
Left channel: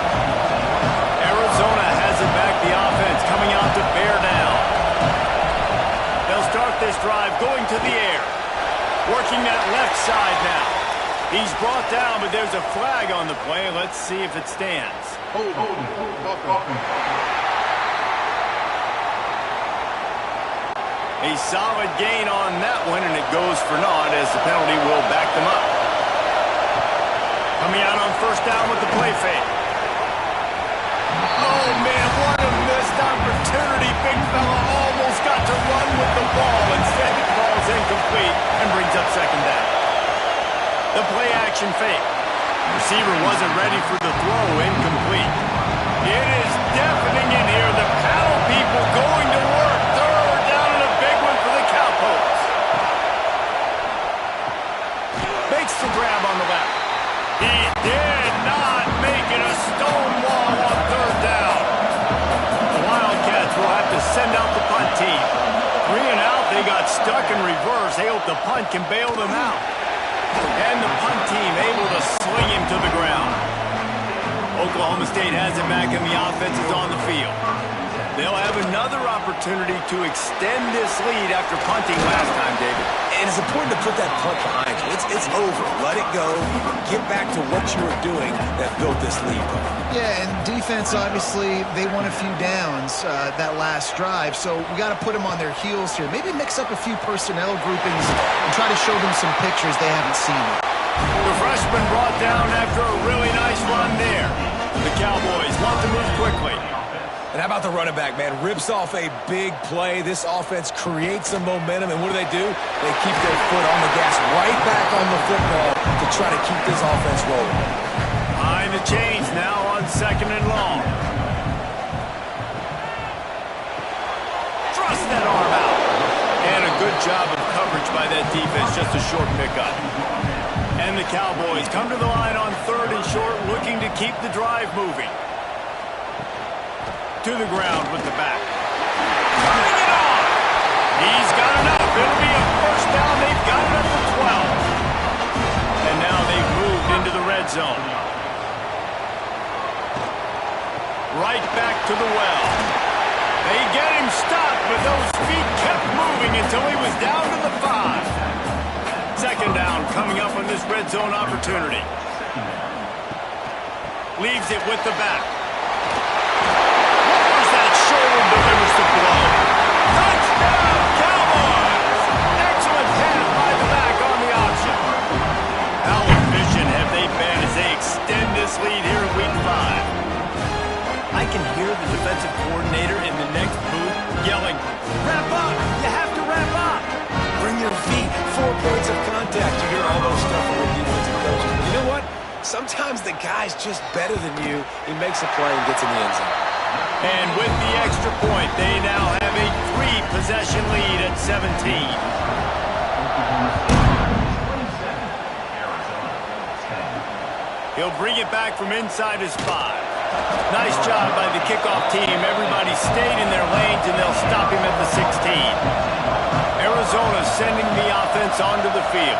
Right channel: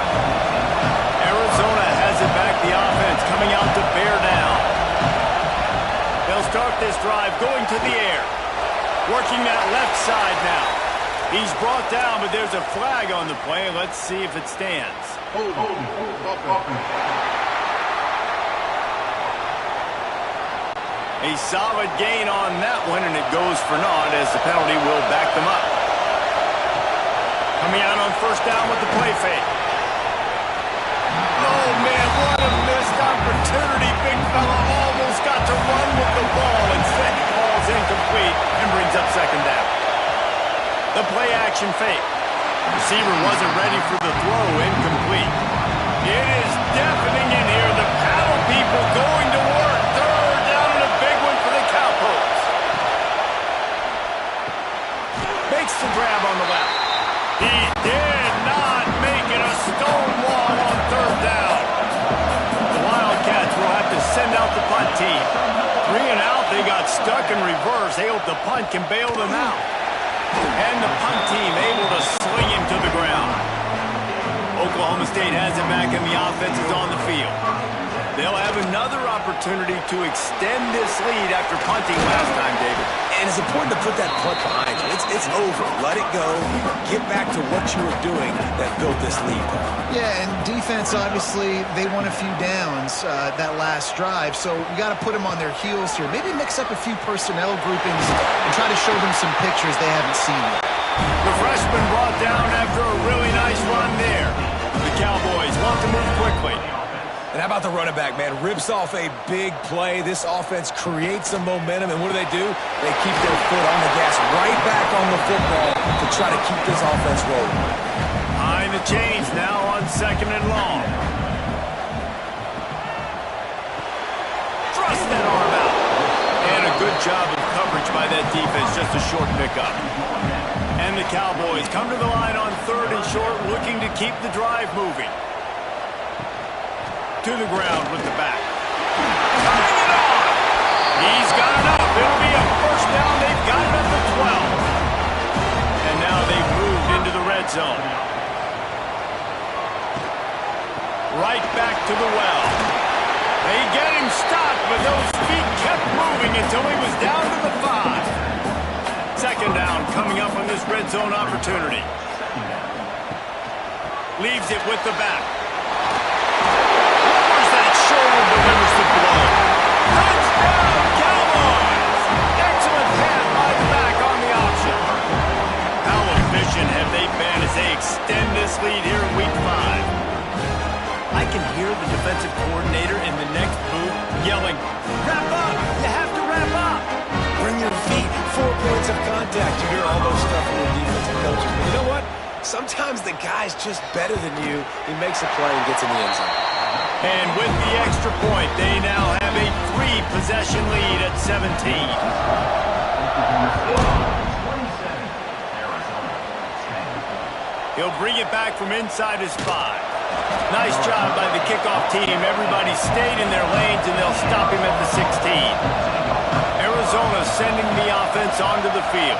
Arizona has it back, the offense coming out to bear down. They'll start this drive going to the air. Working that left side now. He's brought down, but there's a flag on the play. Let's see if it stands. A solid gain on that one, and it goes for naught as the penalty will back them up. Coming out on 1st down with the play fake. Oh, man, what a missed opportunity. Big fella almost got to run with the ball. Instead, it falls incomplete and brings up 2nd down. The play action fake. Receiver wasn't ready for the throw, incomplete. It is deafening in here. The paddle people going to work. 3rd down and a big one for the Cowpokes. Makes the grab on the left. He did not make it. A stone wall on 3rd down. The Wildcats will have to send out the punt team. 3 and out. They got stuck in reverse. They hope the punt can bail them out. And the punt team able to sling him to the ground. Oklahoma State has it back, and the offense is on the field. They'll have another opportunity to extend this lead after punting last time, David. And it's important to put that punt behind you. It's over. Let it go. Get back to what you were doing that built this lead. Yeah, and defense, obviously, they won a few downs that last drive, so we got to put them on their heels here. Maybe mix up a few personnel groupings and try to show them some pictures they haven't seen yet. The freshman brought down after a really nice run there. The Cowboys want to move quickly. And how about the running back, man? Rips off a big play. This offense creates some momentum, and what do? They keep their foot on the gas, right back on the football to try to keep this offense rolling. Behind the chains now on 2nd and long. Thrust that arm out. And a good job of coverage by that defense, just a short pickup. And the Cowboys come to the line on 3rd and short, looking to keep the drive moving. To the ground with the back. Turning it on. He's got enough. It'll be a 1st down. They've got it up to 12. And now they've moved into the red zone. Right back to the well. They get him stopped, but those feet kept moving until he was down to the 5. Second down coming up on this red zone opportunity. Leaves it with the back. Lowers that shoulder, delivers the blow. Touchdown, Cowboys! Excellent pass by the back on the option. How efficient have they been as they extend this lead here in Week 5? I can hear the defensive coordinator in the next booth yelling, "Wrap up! You have to wrap up!" Bring your feet, 4 points of contact. You hear all those stuff from the defensive coaches. But you know what? Sometimes the guy's just better than you. He makes a play and gets in the end zone. And with the extra point, they now have a 3-possession lead at 17. He'll bring it back from inside his 5. Nice job by the kickoff team. Everybody stayed in their lanes, and they'll stop him at the 16. Arizona sending the offense onto the field.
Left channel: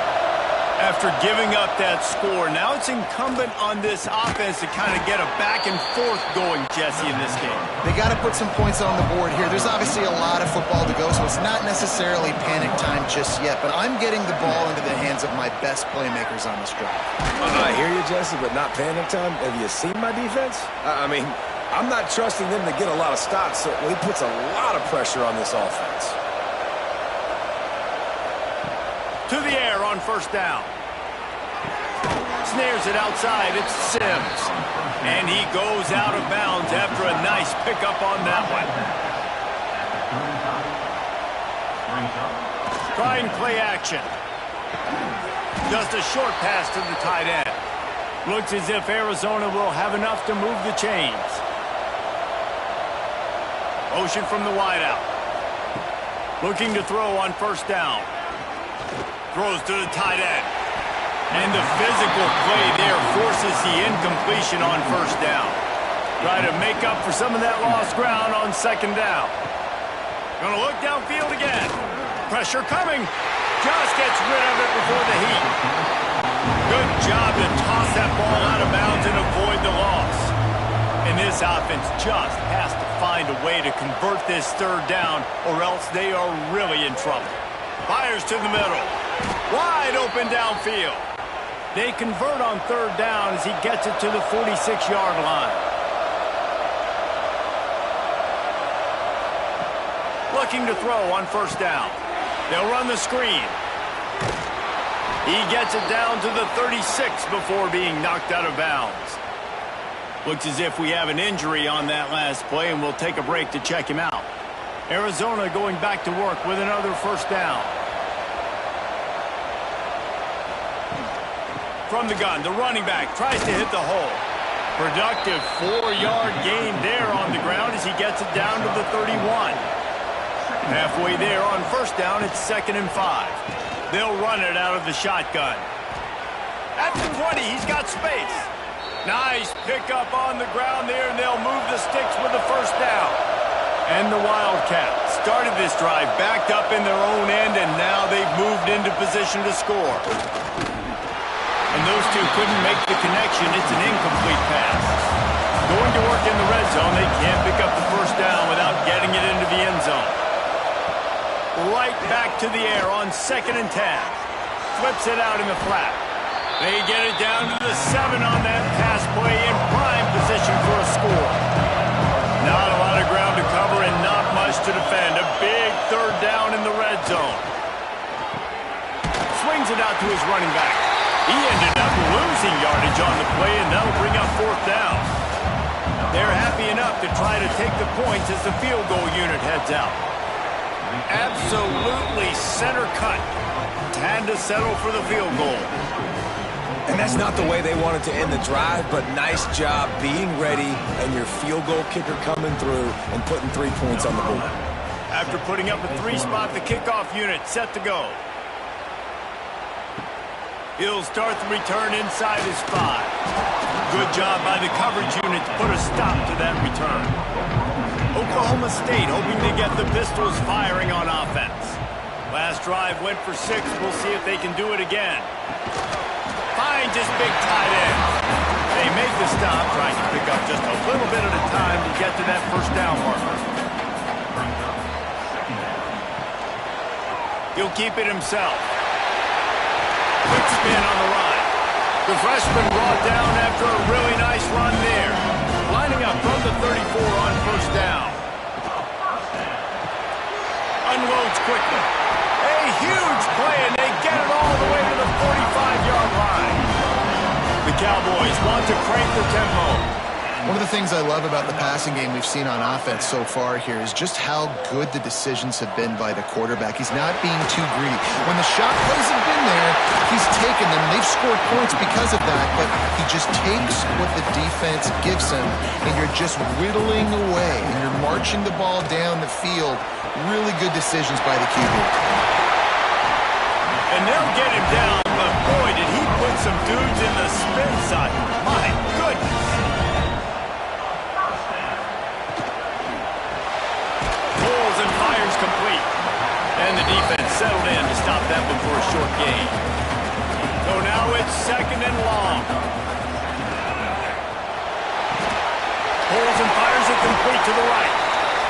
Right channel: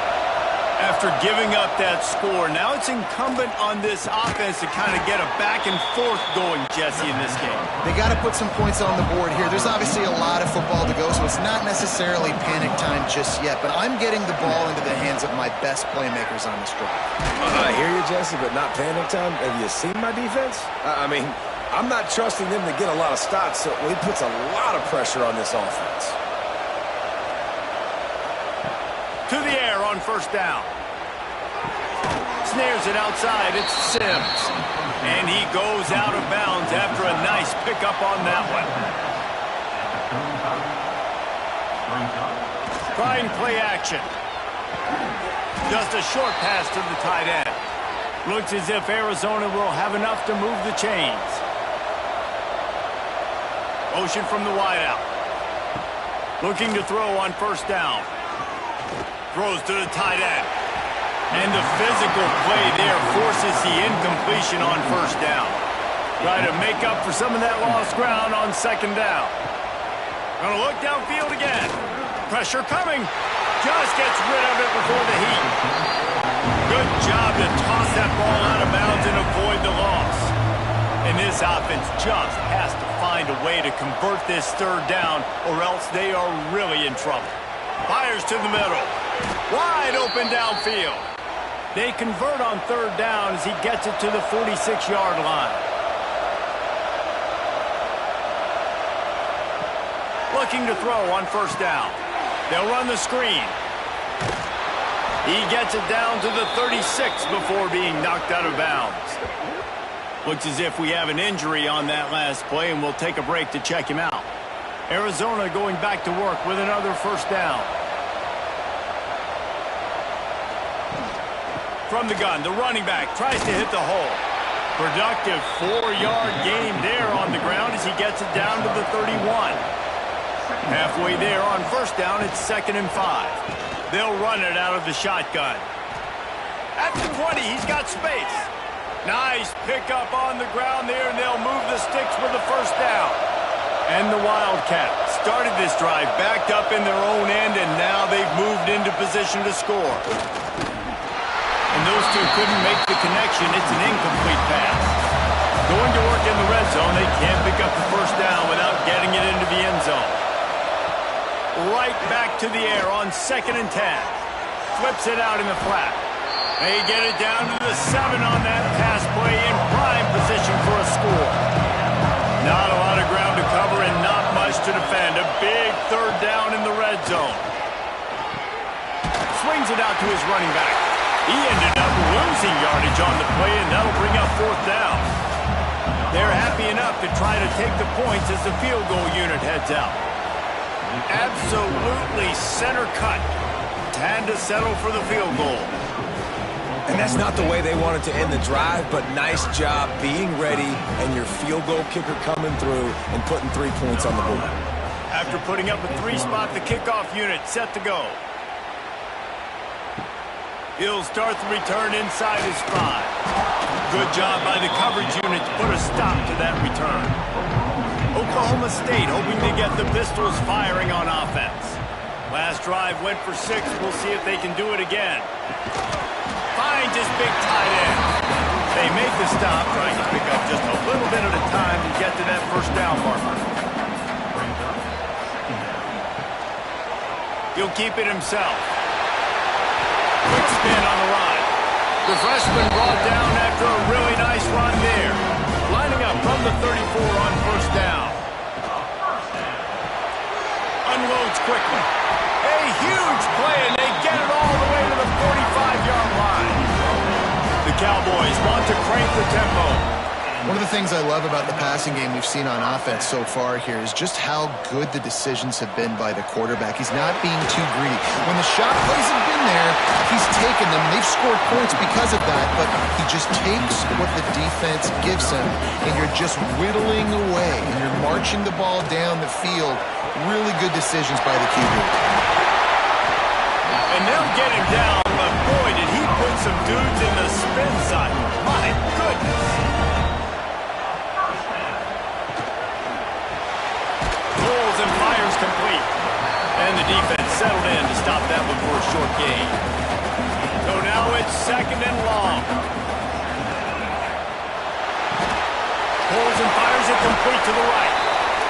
After giving up that score, now it's incumbent on this offense to kind of get a back and forth going, Jesse, in this game. They got to put some points on the board here. There's obviously a lot of football to go, so it's not necessarily panic time just yet, but I'm getting the ball into the hands of my best playmakers on this drive. I hear you, Jesse, but not panic time. Have you seen my defense? I mean, I'm not trusting them to get a lot of stops, so he puts a lot of pressure on this offense. To the air on first down. Snares it outside. It's Sims. And he goes out of bounds after a nice pickup on that one. Trying play action. Just a short pass to the tight end. Looks as if Arizona will have enough to move the chains. Motion from the wideout. Looking to throw on first down. Throws to the tight end. And the physical play there forces the incompletion on first down. Try to make up for some of that lost ground on second down. Gonna look downfield again. Pressure coming. Just gets rid of it before the heat. Good job to toss that ball out of bounds and avoid the loss. And this offense just has to find a way to convert this third down, or else they are really in trouble. Fires to the middle. Wide open downfield. They convert on third down as he gets it to the 46-yard line. Looking to throw on first down. They'll run the screen. He gets it down to the 36 before being knocked out of bounds. Looks as if we have an injury on that last play, and we'll take a break to check him out. Arizona going back to work with another first down. From the gun, the running back tries to hit the hole. Productive 4-yard gain there on the ground as he gets it down to the 31. Halfway there on first down, it's 2nd and 5. They'll run it out of the shotgun. At the 20, he's got space. Nice pickup on the ground there, and they'll move the sticks with the first down. And the Wildcats started this drive backed up in their own end, and now they've moved into position to score. And those two couldn't make the connection. It's an incomplete pass. Going to work in the red zone, they can't pick up the first down without getting it into the end zone. Right back to the air on 2nd and 10. Flips it out in the flat. They get it down to the 7 on that pass play in prime position for a score. Not a lot of ground to cover and not much to defend. A big third down in the red zone. Swings it out to his running back. He ended up losing yardage on the play, and that'll bring up 4th down. They're happy enough to try to take the points as the field goal unit heads out. Absolutely center cut. Had to settle for the field goal. And that's not the way they wanted to end the drive, but nice job being ready and your field goal kicker coming through and putting 3 points on the board. After putting up a 3-spot, the kickoff unit set to go. He'll start the return inside his 5. Good job by the coverage unit to put a stop to that return. Oklahoma State hoping to get the Pistols firing on offense. Last drive went for 6. We'll see if they can do it again. Finds his big tight end. They make the stop, trying to pick up just a little bit at a time to get to that first down marker. He'll keep it himself. Quick spin on the run. The freshman brought down after a really nice run there. Lining up from the 34 on first down. Unloads quickly. A huge play, and they get it all the way to the 45-yard line. The Cowboys want to crank the tempo. One of the things I love about the passing game we've seen on offense so far here is just how good the decisions have been by the quarterback. He's not being too greedy. When the shot plays have been there, he's taken them. They've scored points because of that, but he just takes what the defense gives him, and you're just whittling away, and you're marching the ball down the field. Really good decisions by the QB. And they'll get him down, but boy, did he put some dudes in the spin cycle. My goodness. And fires complete. And the defense settled in to stop that one for a short gain. So now it's 2nd and long. Pulls and fires it complete to the right.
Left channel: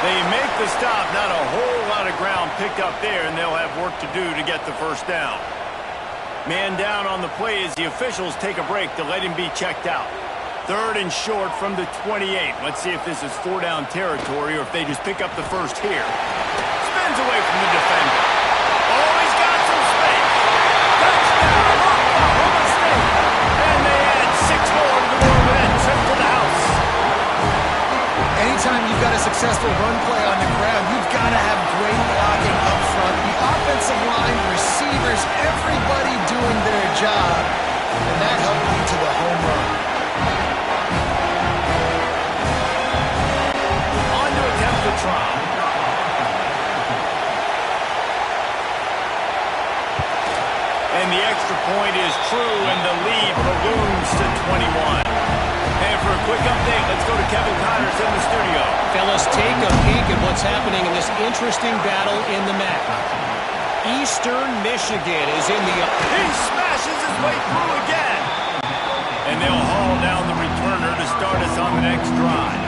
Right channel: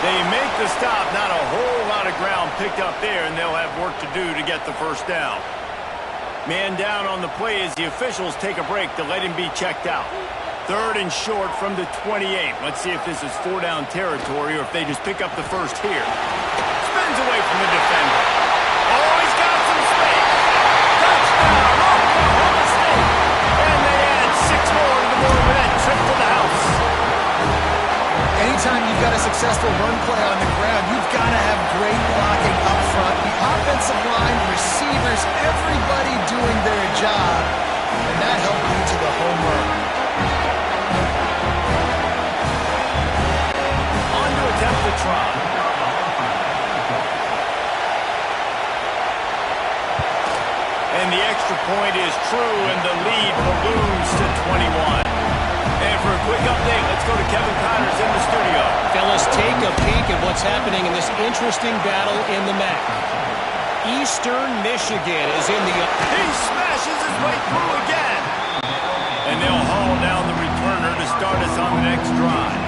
They make the stop. Not a whole lot of ground picked up there, and they'll have work to do to get the first down. Man down on the play as the officials take a break to let him be checked out. 3rd and short from the 28. Let's see if this is 4-down territory or if they just pick up the first here. Spins away from the defender. Oh, he's got some space. Touchdown, Oklahoma State. And they add 6 more to the board with that trip to the house. Anytime you've got a successful run play on the ground, you've got to have great blocking up front. The offensive line, receivers, everybody doing their job. And that helped lead to the home run. Attempt to try. And the extra point is true, and the lead balloons to 21. And for a quick update, let's go to Kevin Connors in the studio. Fellas, take a peek at what's happening in this interesting battle in the MAC. Eastern Michigan is in the... He smashes his way through again. And they'll haul down the returner to start us on the next drive.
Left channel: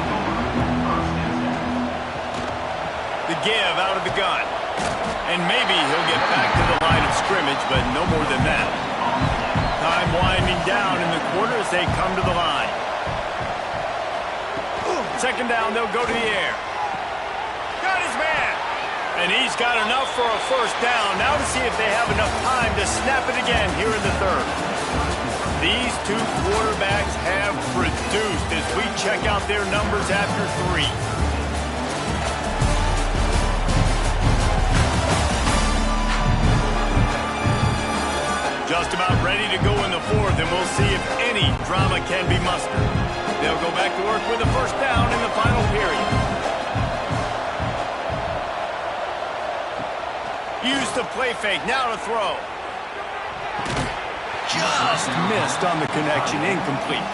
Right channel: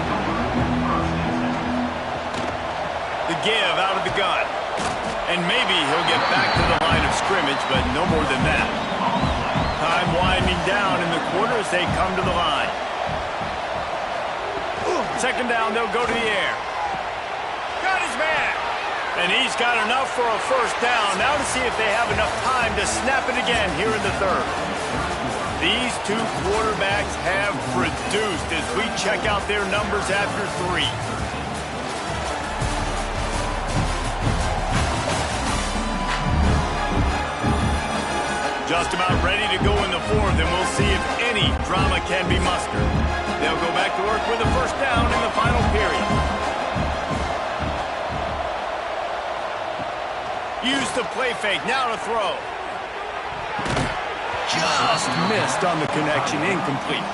The give out of the gun. And maybe he'll get back to the line of scrimmage, but no more than that. Time winding down in the quarter as they come to the line. 2nd down, they'll go to the air. Got his man. And he's got enough for a first down. Now to see if they have enough time to snap it again here in the 3rd. These two quarterbacks have produced as we check out their numbers after 3. Just about ready to go in the 4th, and we'll see if any drama can be mustered. They'll go back to work with a first down in the final period. Use the play fake, now to throw. Just missed on the connection, incomplete.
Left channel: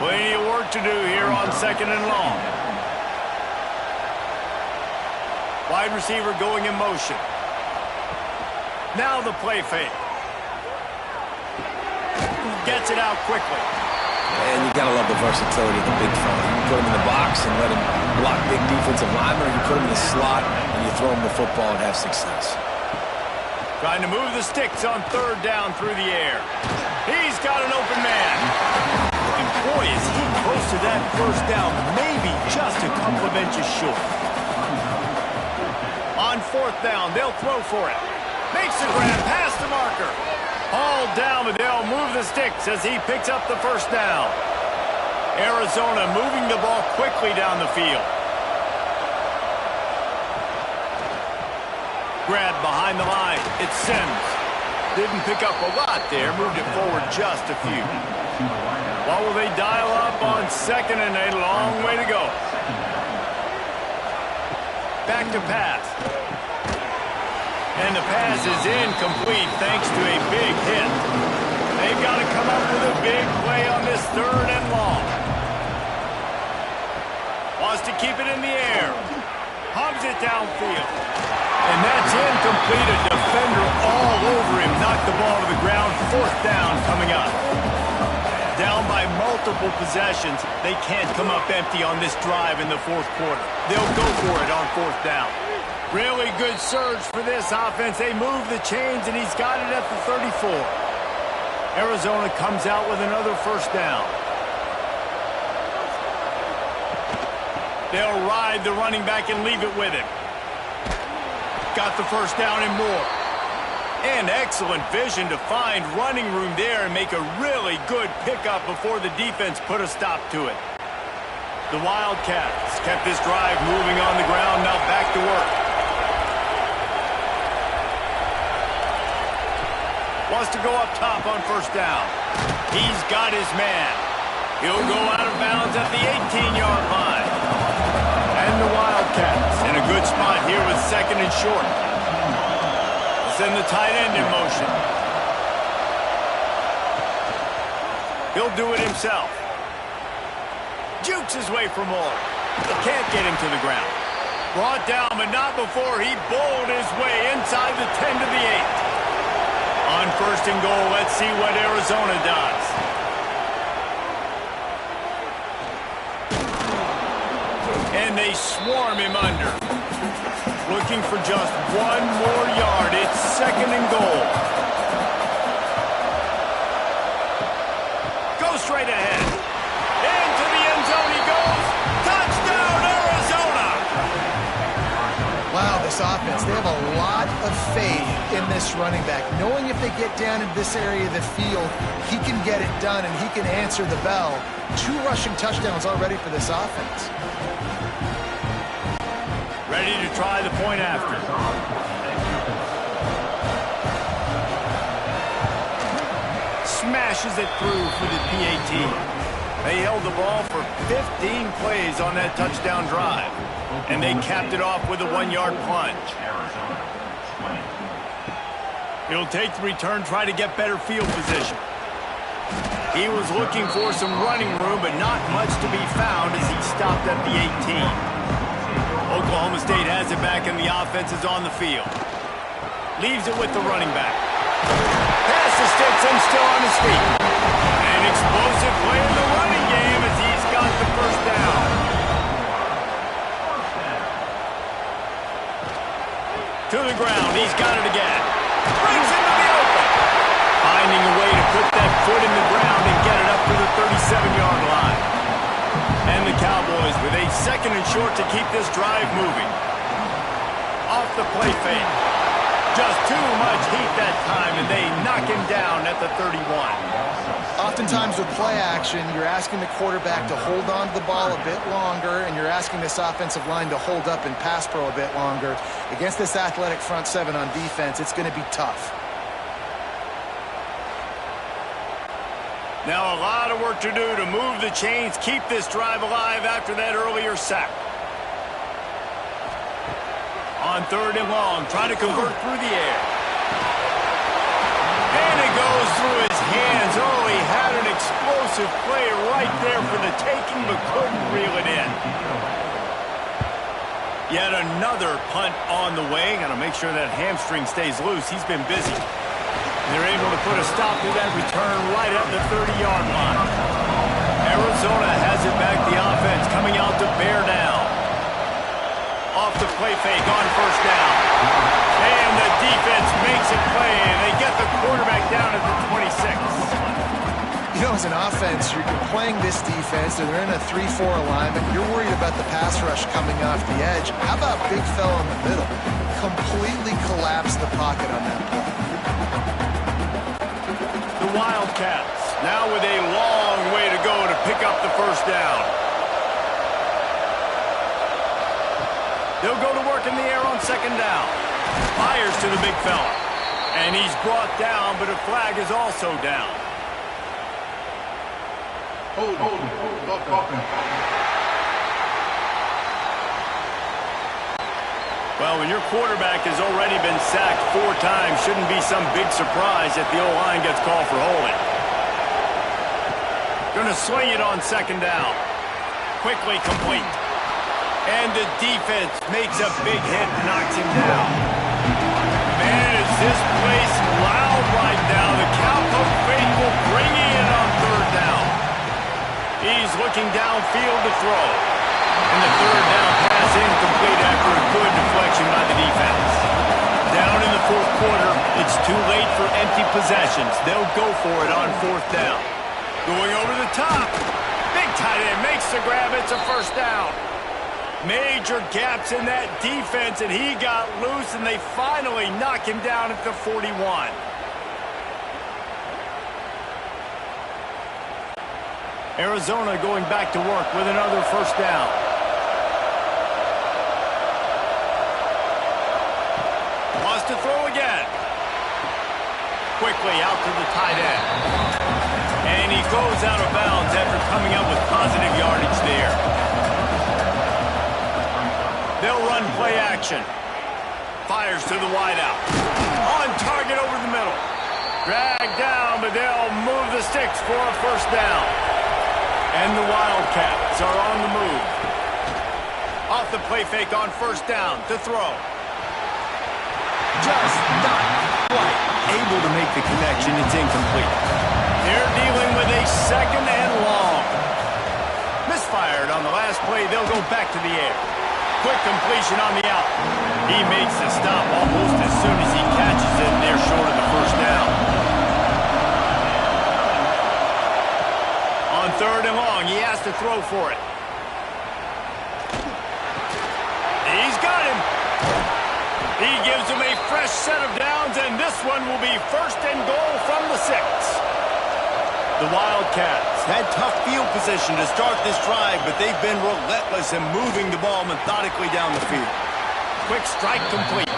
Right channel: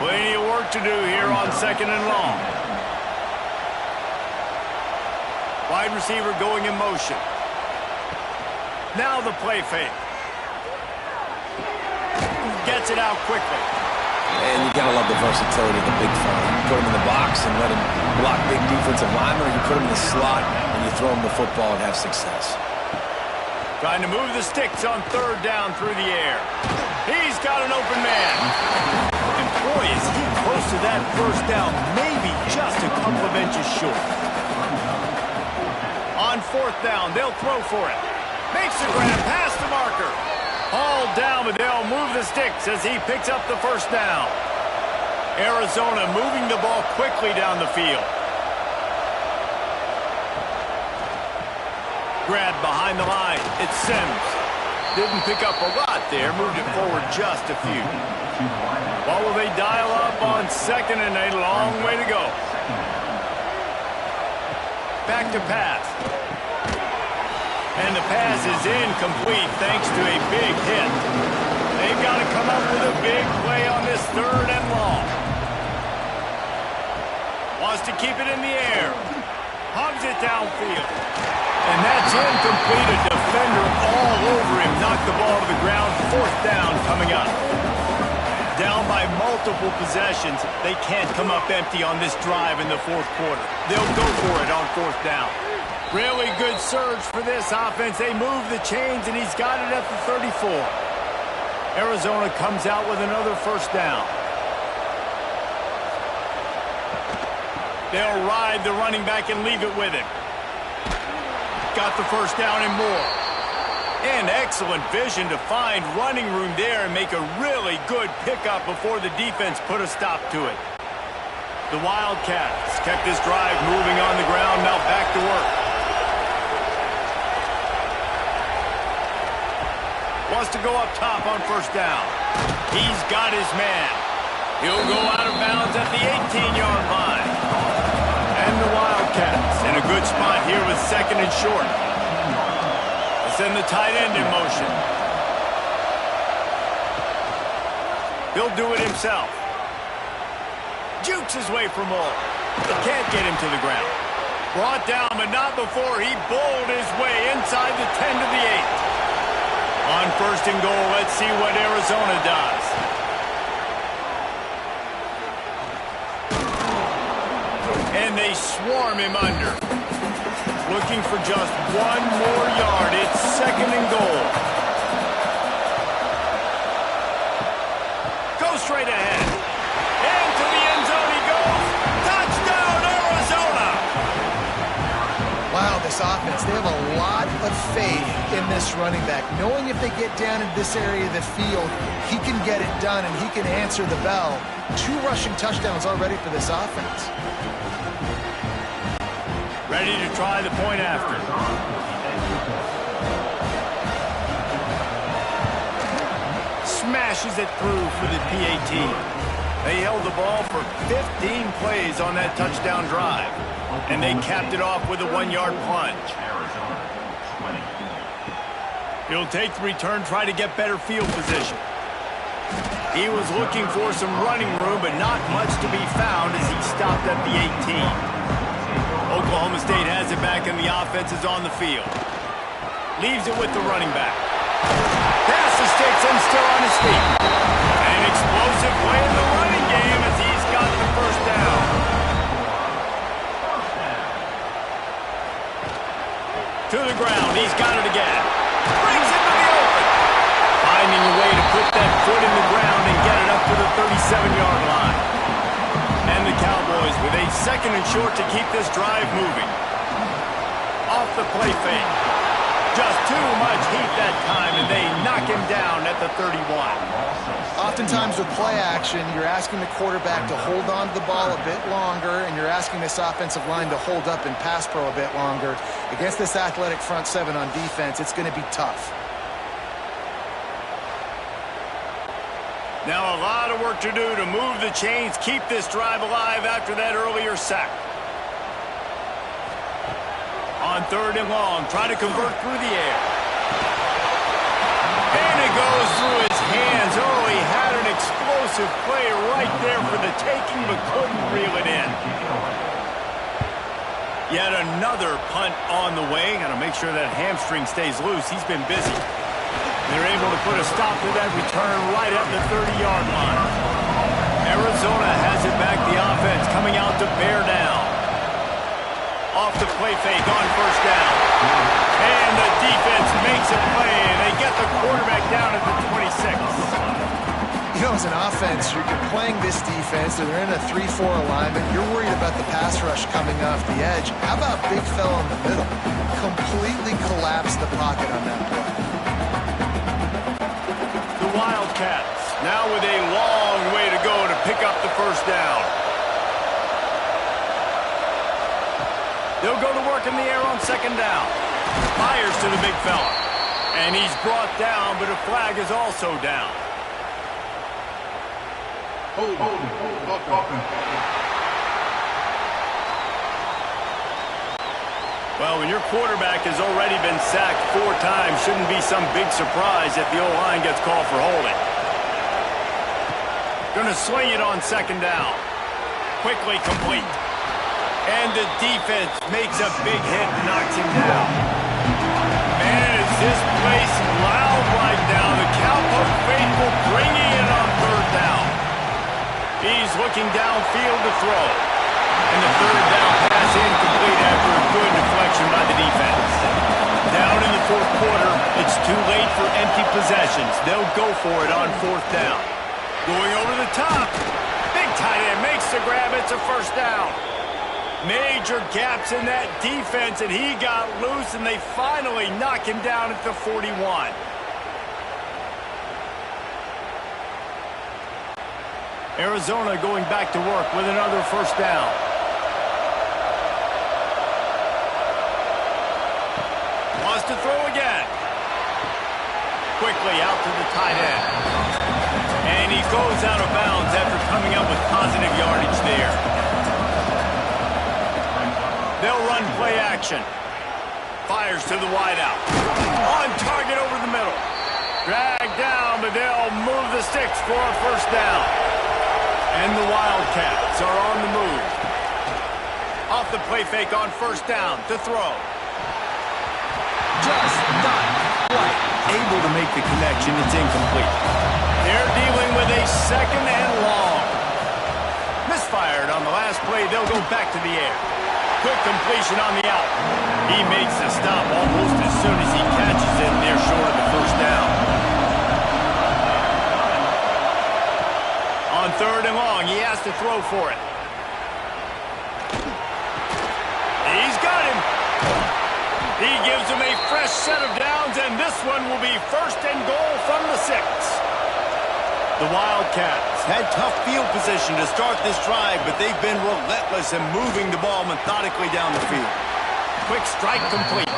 Plenty of work to do here on 2nd and long. Wide receiver going in motion. Now the play fake. Gets it out quickly. And you gotta love the versatility of the big fella. You put him in the box and let him block big defensive linemen, or you put him in the slot and you throw him the football and have success. Trying to move the sticks on 3rd down through the air. He's got an open man. And boy, is he close to that first down, maybe just a couple of inches short. On 4th down, they'll throw for it. Makes the grab past the marker. Hauled down, but they'll move the sticks as he picks up the first down. Arizona moving the ball quickly down the field. Grab behind the line. It's Sims. Didn't pick up a lot there. Moved it forward just a few. What will they dial up on 2nd and a long way to go? Back to pass. And the pass is incomplete thanks to a big hit. They've got to come up with a big play on this 3rd and long. Wants to keep it in the air. Hogs it downfield. And that's incomplete. A defender all over him. Knocked the ball to the ground. 4th down coming up. Down by multiple possessions. They can't come up empty on this drive in the 4th quarter. They'll go for it on 4th down. Really good surge for this offense. They move the chains, and he's got it at the 34. Arizona comes out with another first down. They'll ride the running back and leave it with him. Got the first down and more. And excellent vision to find running room there and make a really good pickup before the defense put a stop to it. The Wildcats kept this drive moving on the ground, now back to work. Wants to go up top on first down. He's got his man. He'll go out of bounds at the 18-yard line. And the Wildcats in a good spot here with second and short. They'll send the tight end in motion. He'll do it himself. Jukes his way for more. Can't get him to the ground. Brought down, but not before he bowled his way inside the 10 to the 8. On first and goal, let's see what Arizona does. And they swarm him under. Looking for just one more yard. It's second and goal. Go straight ahead. Into the end zone he goes. Touchdown, Arizona! Wow, this offense, they have a lot of faith in this running back, knowing if they get down in this area of the field, he can get it done and he can answer the bell. 2 rushing touchdowns already for this offense. Ready to try the point after. Smashes it through for the PAT. They held the ball for 15 plays on that touchdown drive. And they capped it off with a 1-yard plunge. He'll take the return, try to get better field position. He was looking for some running room, but not much to be found as he stopped at the 18. Oklahoma State has it back, and the offense is on the field. Leaves it with the running back. Pass the sticks and still on his feet. An explosive play in the running game as he's got the first down. To the ground, he's got it again. Breaks into the open. Finding a way to put that foot in the ground and get it up to the 37-yard line. And the Cowboys with a second and short to keep this drive moving. Off the play fake. Just too much heat that time, and they knock him down at the 31. Oftentimes with play action, you're asking the quarterback to hold on to the ball a bit longer, and you're asking this offensive line to hold up in pass pro a bit longer. Against this athletic front seven on defense, it's going to be tough. Now a lot of work to do to move the chains, keep this drive alive after that earlier sack. On third and long, trying to convert through the air. And it goes through his hands. Oh, he had an explosive play right there for the taking, but couldn't reel it in. Yet another punt on the way. Got to make sure that hamstring stays loose. He's been busy. They're able to put a stop to that return right at the 30-yard line. Arizona has it back. The offense coming out to bear down. Off the play fake on first down. And the defense makes a play, and they get the quarterback down at the 26. You know, as an offense, you're playing this defense, and they're in a 3-4 alignment. You're worried about the pass rush coming off the edge. How about big fella in the middle? Completely collapsed the pocket on that play. The Wildcats now with a long way to go to pick up the first down. They'll go to work in the air on second down. Fires to the big fella. And he's brought down, but a flag is also down. Hold. Well, when your quarterback has already been sacked 4 times, shouldn't be some big surprise if the O-line gets called for holding. Gonna swing it on second down. Quickly complete. And the defense makes a big hit and knocks him down. Man, is this place loud right now. The Cowpoke faithful bringing it on third down. He's looking downfield to throw. And the third down pass incomplete after a good deflection by the defense. Down in the fourth quarter, it's too late for empty possessions. They'll go for it on fourth down. Going over the top. Big tight end makes the grab. It's a first down. Major gaps in that defense, and he got loose, and they finally knock him down at the 41. Arizona going back to work with another first down. Wants to throw again. Quickly out to the tight end. And he goes out of bounds after coming up with positive yardage there. They'll run play action. Fires to the wideout. On target over the middle. Dragged down, but they'll move the sticks for a first down. And the Wildcats are on the move. Off the play fake on first down to throw. Just not quite able to make the connection. It's incomplete. They're dealing with a second and long. Misfired on the last play. They'll go back to the air. Quick completion on the out. He makes the stop almost as soon as he catches it, and they're short of the first down. On third and long, he has to throw for it. He's got him. He gives him a fresh set of downs, and this one will be first and goal from the 6. The Wildcats had tough field position to start this drive, but they've been relentless in moving the ball methodically down the field. Quick strike complete.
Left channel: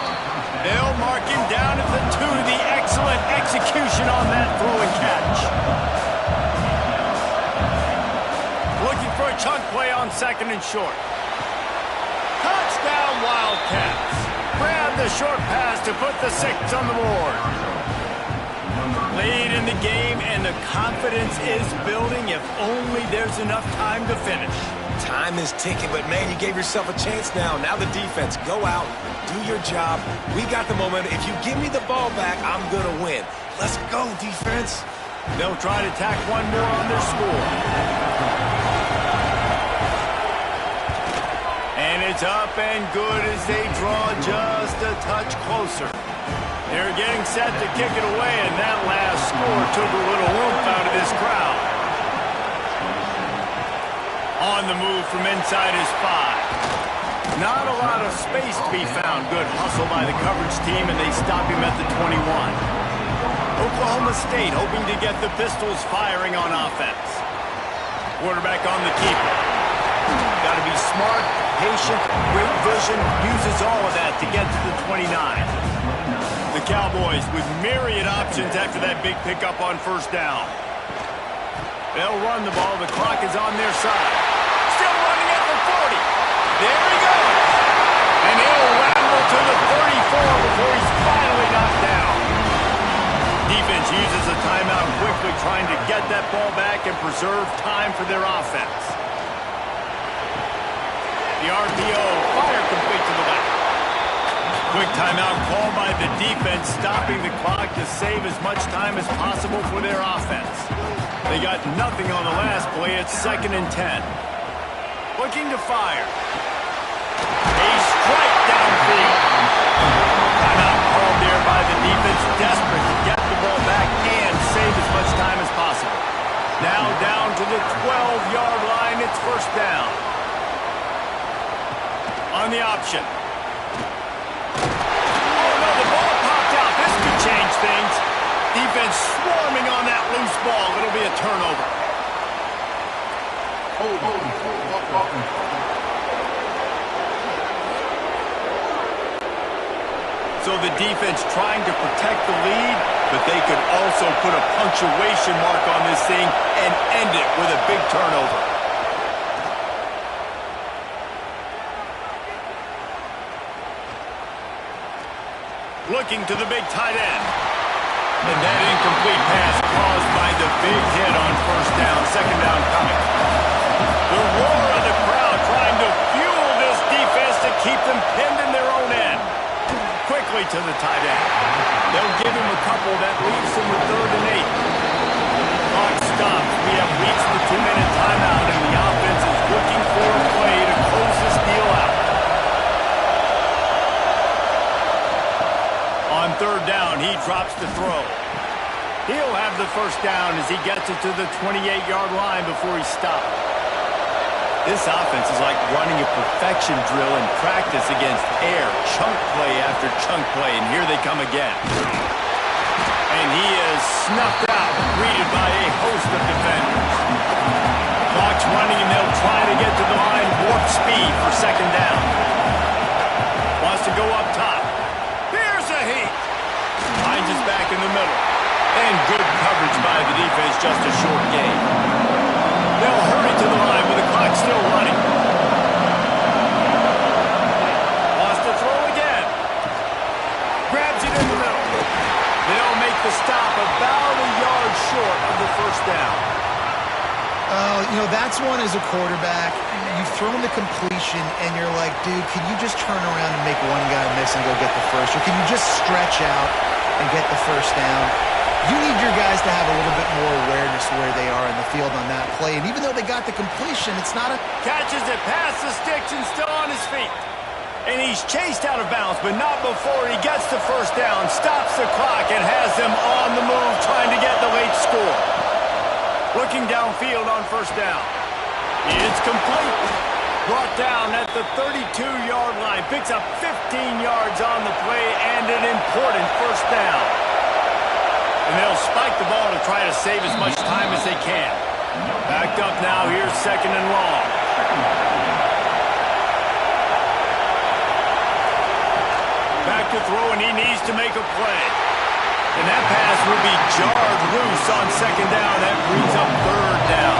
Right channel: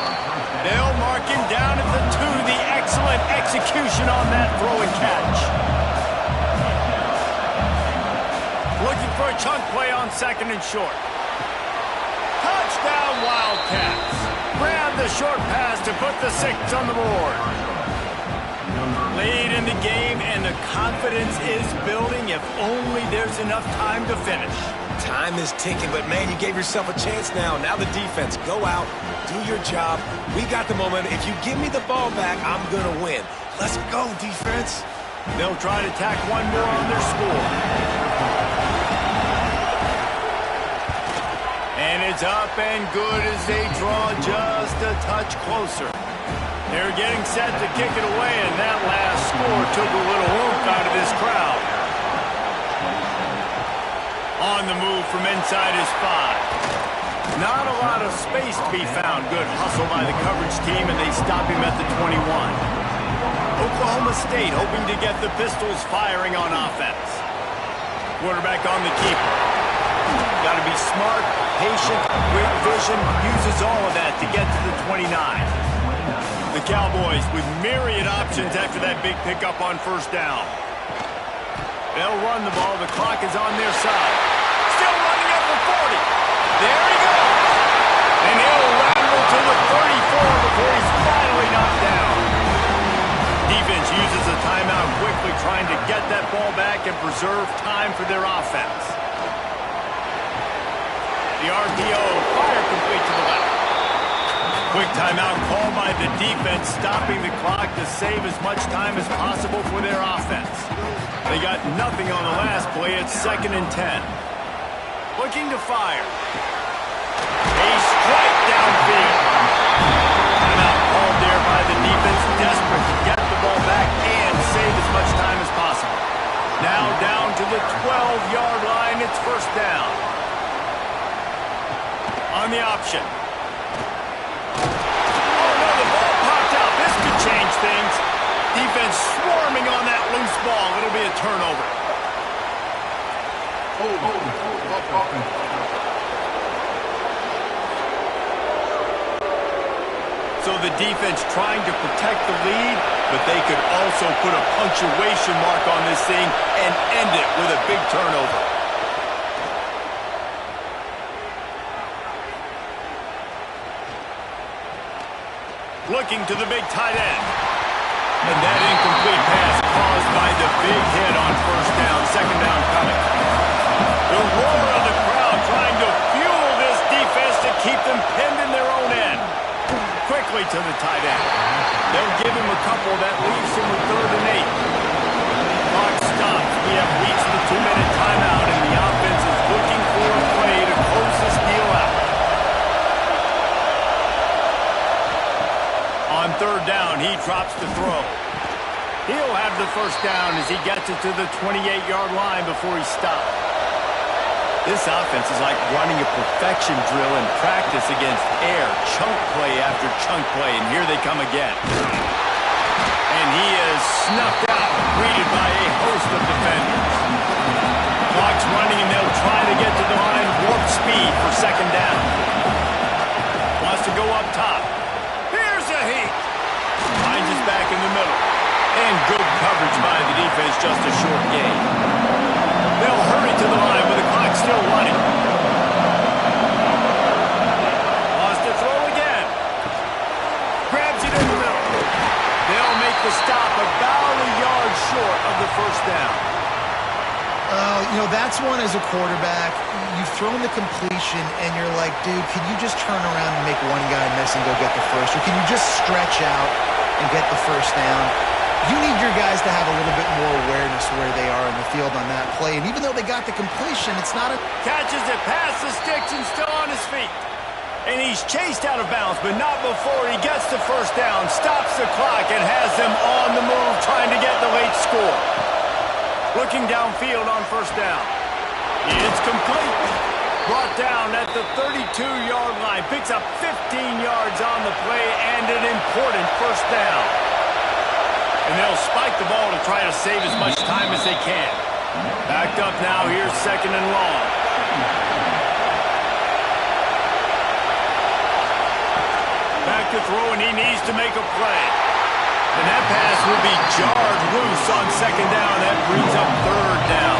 They'll mark him down at the 2. The excellent execution on that throw and catch. Looking for a chunk play on second and short. Touchdown Wildcats. Grab the short pass to put the 6 on the board. Lead in the game, and the confidence is building if only there's enough time to finish. Time is ticking, but man, you gave yourself a chance now. Now the defense, go out, do your job. We got the momentum. If you give me the ball back, I'm going to win. Let's go, defense. They'll try to tack one more on their score. And it's up and good as they draw just a touch closer. They're getting set to kick it away, and that last score took a little oomph out of this crowd. On the move from inside his 5. Not a lot of space to be found. Good hustle by the coverage team, and they stop him at the 21. Oklahoma State hoping to get the Pistols firing on offense. Quarterback on the keeper. Got to be smart, patient, great vision, uses all of that to get to the 29. The Cowboys with myriad options after that big pickup on first down. They'll run the ball. The clock is on their side. Still running at the 40. There he goes. And he'll ramble to the 34 before he's finally knocked down. Defense uses a timeout quickly, trying to get that ball back and preserve time for their offense. The RPO, fire complete to the left. Quick timeout called by the defense, stopping the clock to save as much time as possible for their offense. They got nothing on the last play. It's 2nd and 10. Looking to fire. A strike downfield. Timeout called there by the defense, desperate to get the ball back and save as much time as possible. Now down to the 12-yard line. It's first down. On the option. Oh, no, the ball popped out. This could change things. Defense swarming on that loose ball. It'll be a turnover. So the defense trying to protect the lead, but they could also put a punctuation mark on this thing and end it with a big turnover. Looking to the big tight end. And that incomplete pass caused by the big hit on first down. Second down coming. The roar of the crowd trying to fuel this defense to keep them pinned in their own end. Quickly to the tight end. They'll give him a couple. That leaves him with 3rd and 8. Clock stops. We have reached the 2-minute timeout, and the offense is looking for a play to third down, he drops to throw. He'll have the first down as he gets it to the 28-yard line before he stopped. This offense is like running a perfection drill in practice against air, chunk play after chunk play, and here they come again. And he is snuffed out, greeted by a host of defenders. The clock's running, and they'll try to get to the line warp speed for second down. Wants to go up top. Here's a heat. Finds his back in the middle. And good coverage by the defense, just a short gain. They'll hurry to the line with the clock still running. Wants to throw again. Grabs it in the middle. They'll make the stop about a yard short of the first down. You know, that's one as a quarterback. You've thrown the completion, and you're like, dude, can you just turn around and make one guy miss and go get the first? Or can you just stretch out and get the first down? You need your guys to have a little bit more awareness where they are in the field on that play. And even though they got the completion, it's not a... Catches it past the sticks and still on his feet. And he's chased out of bounds, but not before he gets the first down, stops the clock, and has them on the move trying to get the late score. Looking downfield on first down. It's complete. Brought down at the 32-yard line. Picks up 15 yards on the play and an important first down. And they'll spike the ball to try to save as much time as they can. Backed up now, here's second and long. Back to throw, and he needs to make a play. And that pass will be jarred loose on second down. That brings up third down.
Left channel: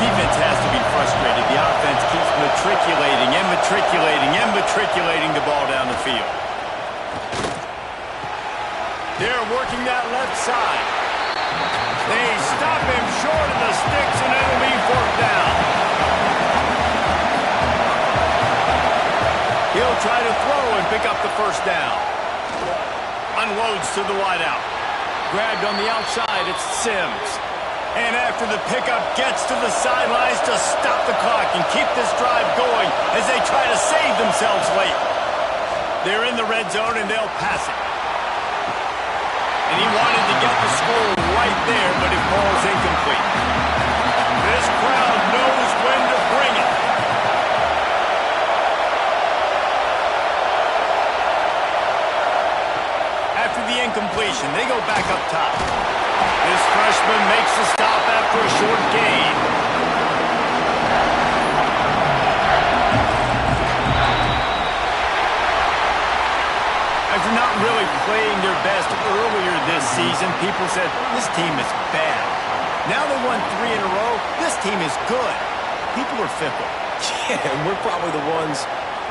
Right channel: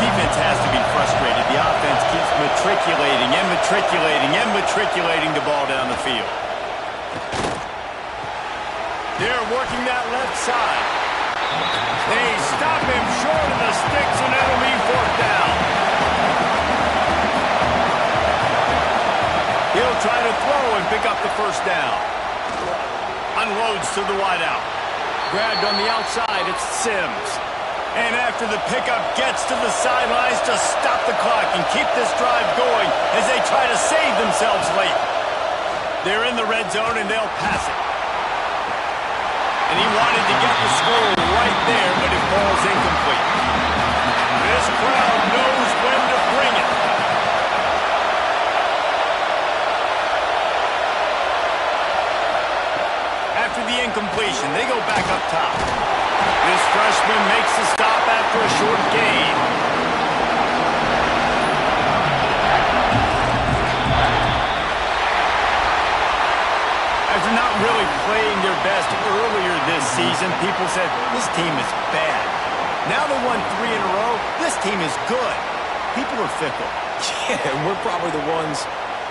Defense has to be frustrated. The offense keeps matriculating and matriculating and matriculating the ball down the field. They're working that left side. They stop him short of the sticks, and it'll be fourth down. He'll try to throw and pick up the first down. Unloads to the wideout. Grabbed on the outside, it's Sims. And after the pickup, gets to the sidelines to stop the clock and keep this drive going as they try to save themselves late. They're in the red zone, and they'll pass it. And he wanted to get the score right there, but it falls incomplete. This crowd knows when to bring it. After the incompletion, they go back up top. This freshman makes the stop after a short gain. After not really playing their best earlier this season, people said, this team is bad. Now they won 3 in a row. This team is good. People are fickle. Yeah, and we're probably the ones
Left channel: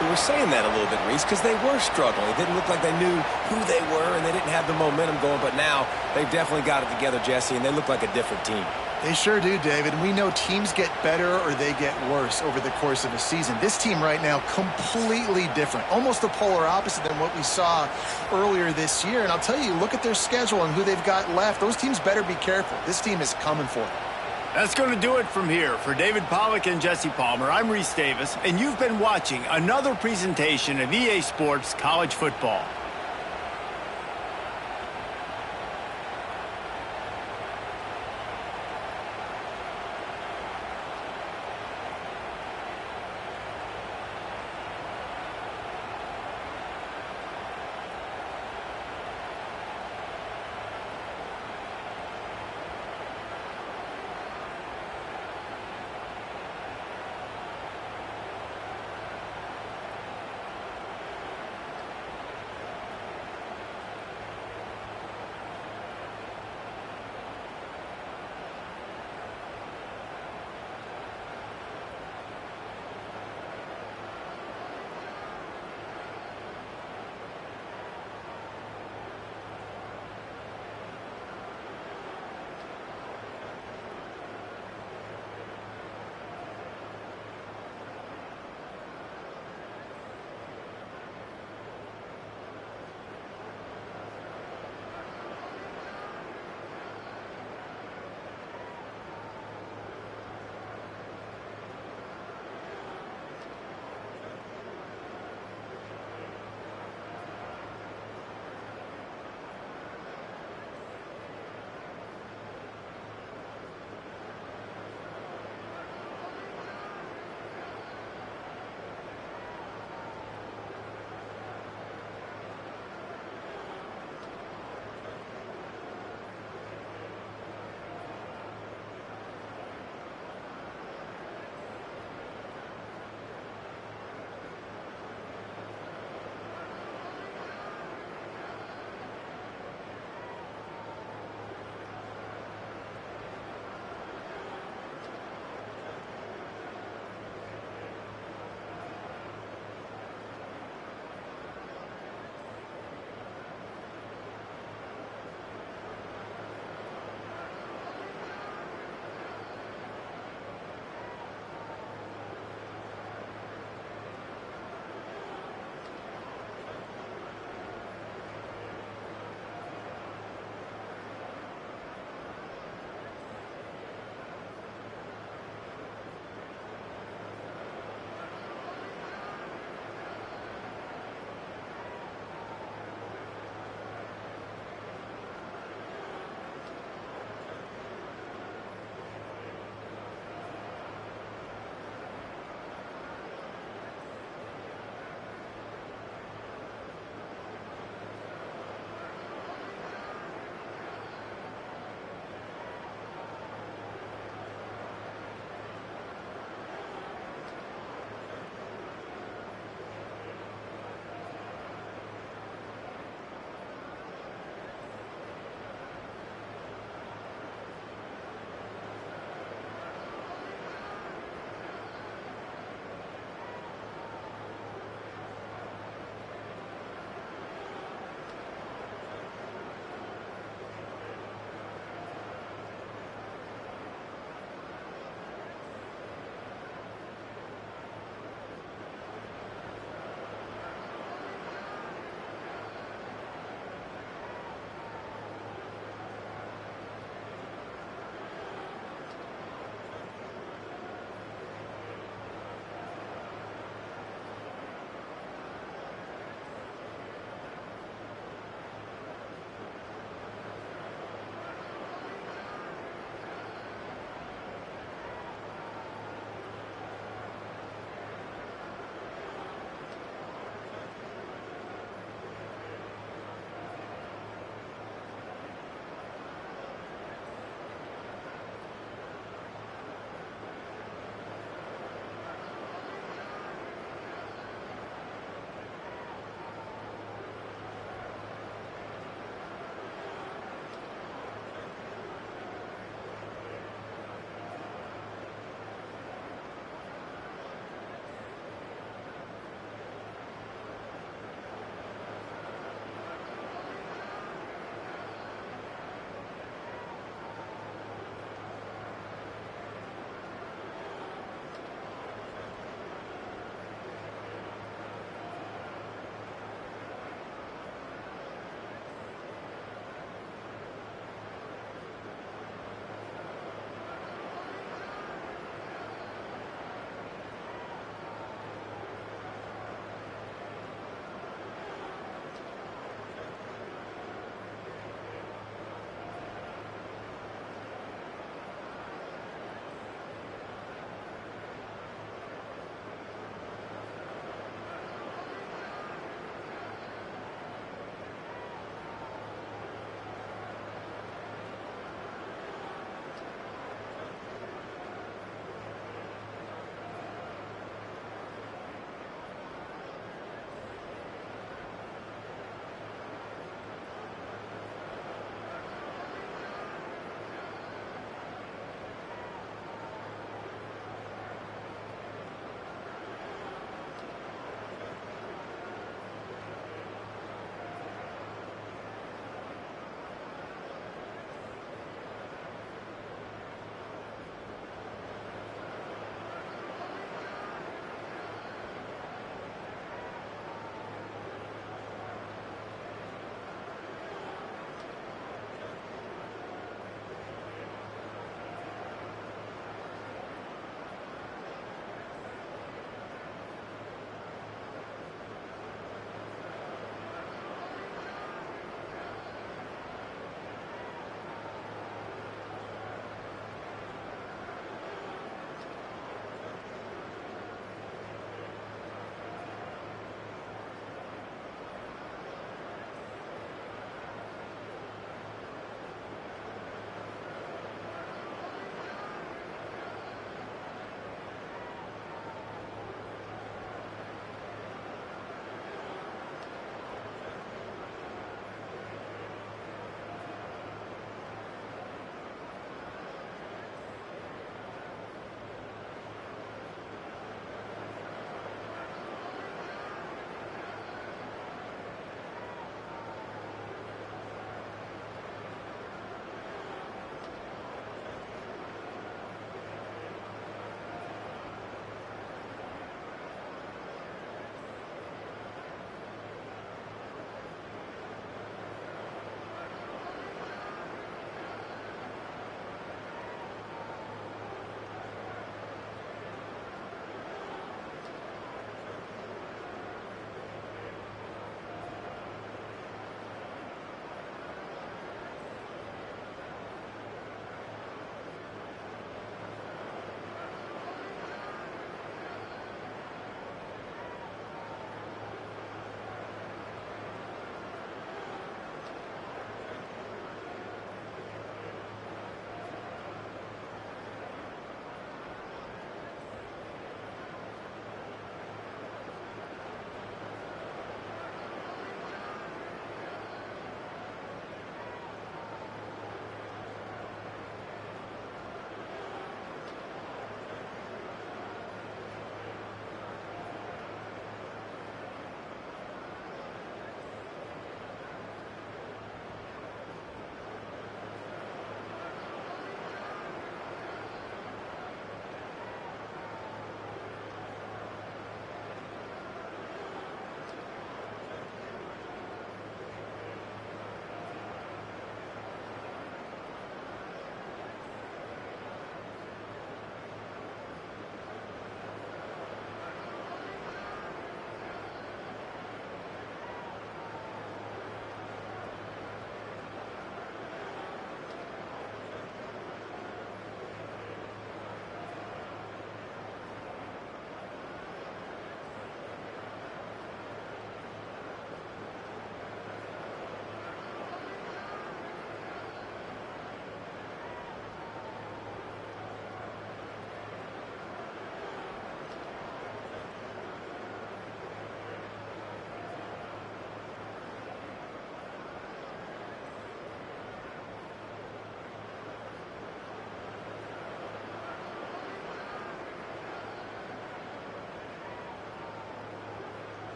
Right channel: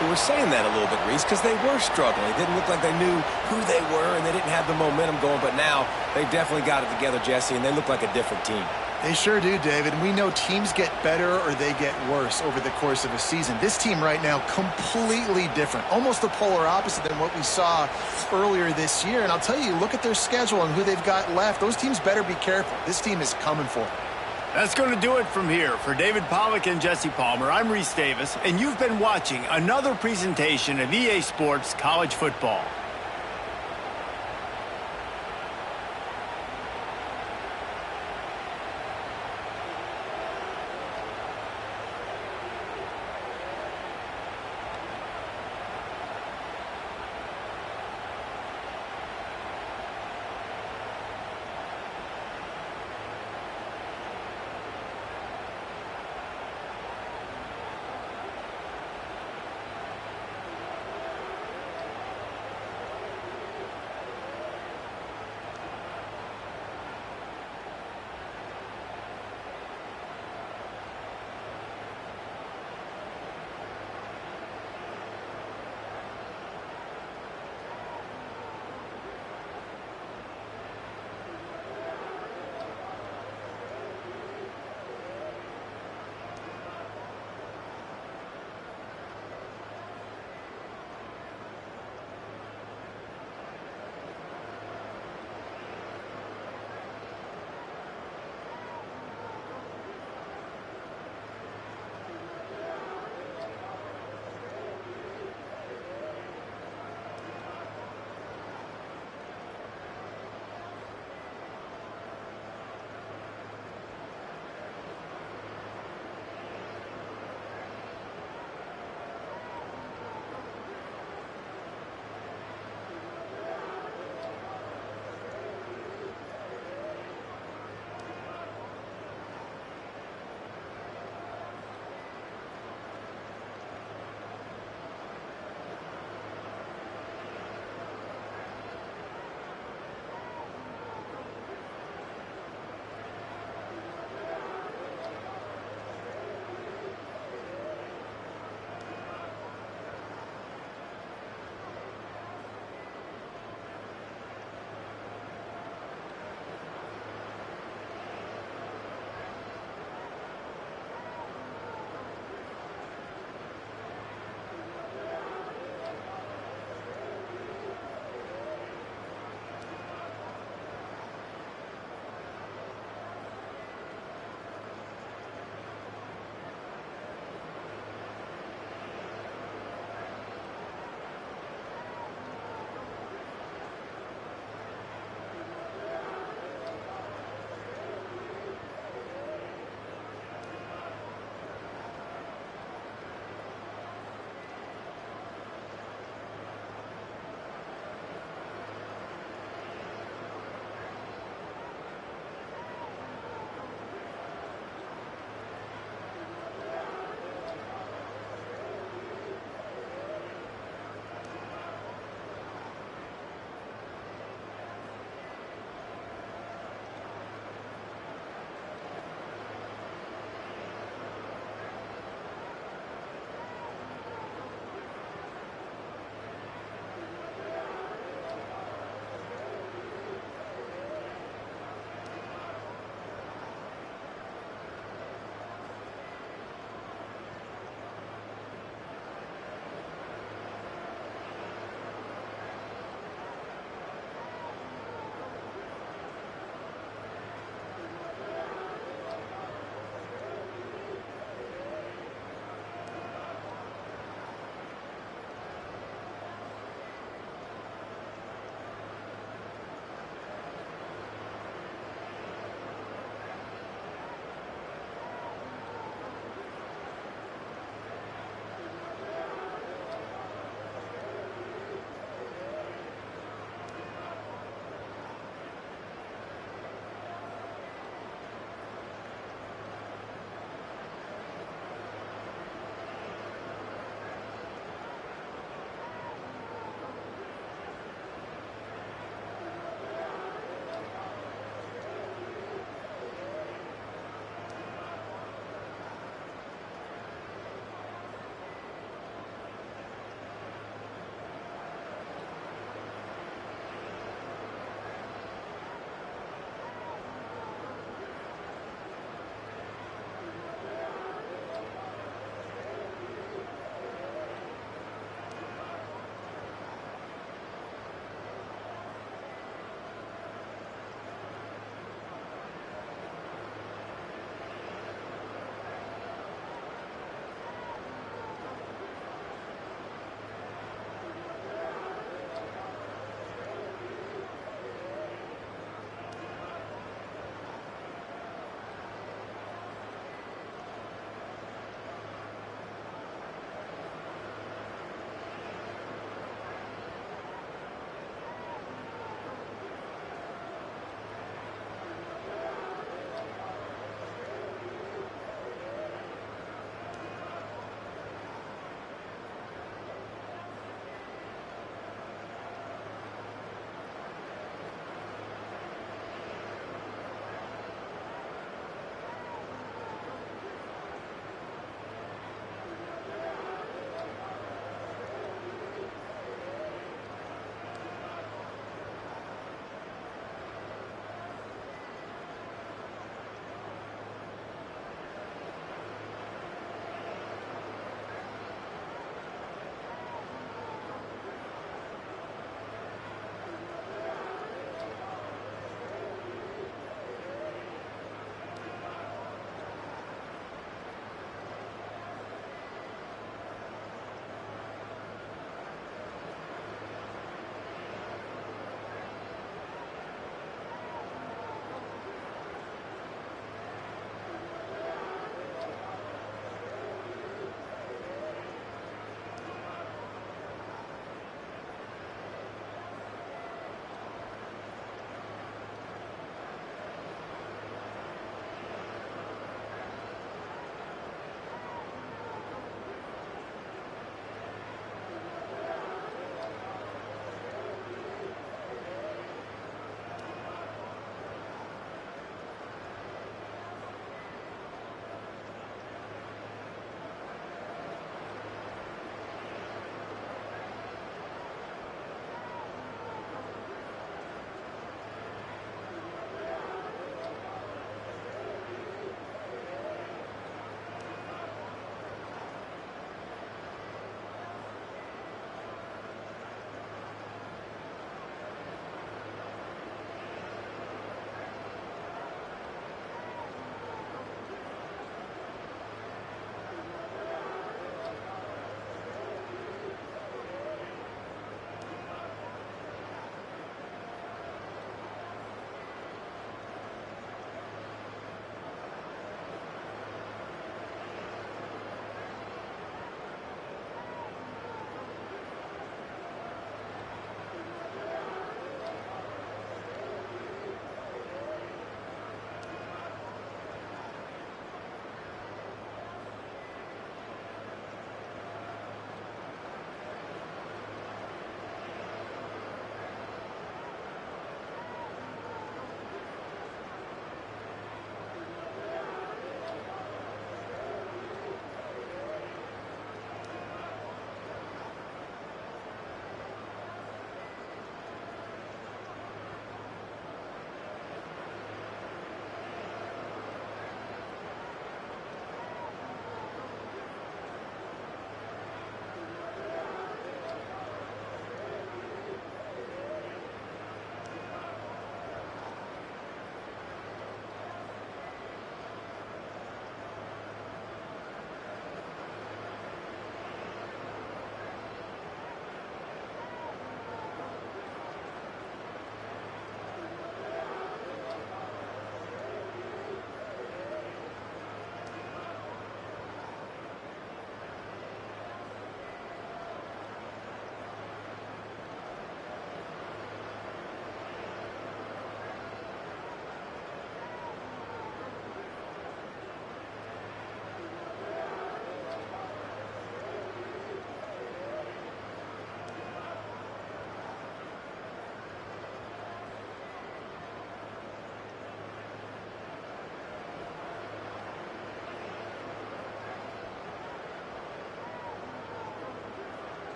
who were saying that a little bit, Reese, because they were struggling. It didn't look like they knew who they were, and they didn't have the momentum going. But now they've definitely got it together, Jesse, and they look like a different team. They sure do, David. And we know teams get better or they get worse over the course of a season. This team right now, completely different. Almost the polar opposite than what we saw earlier this year. And I'll tell you, look at their schedule and who they've got left. Those teams better be careful. This team is coming for it. That's going to do it from here. For David Pollack and Jesse Palmer, I'm Reese Davis, and you've been watching another presentation of EA Sports College Football.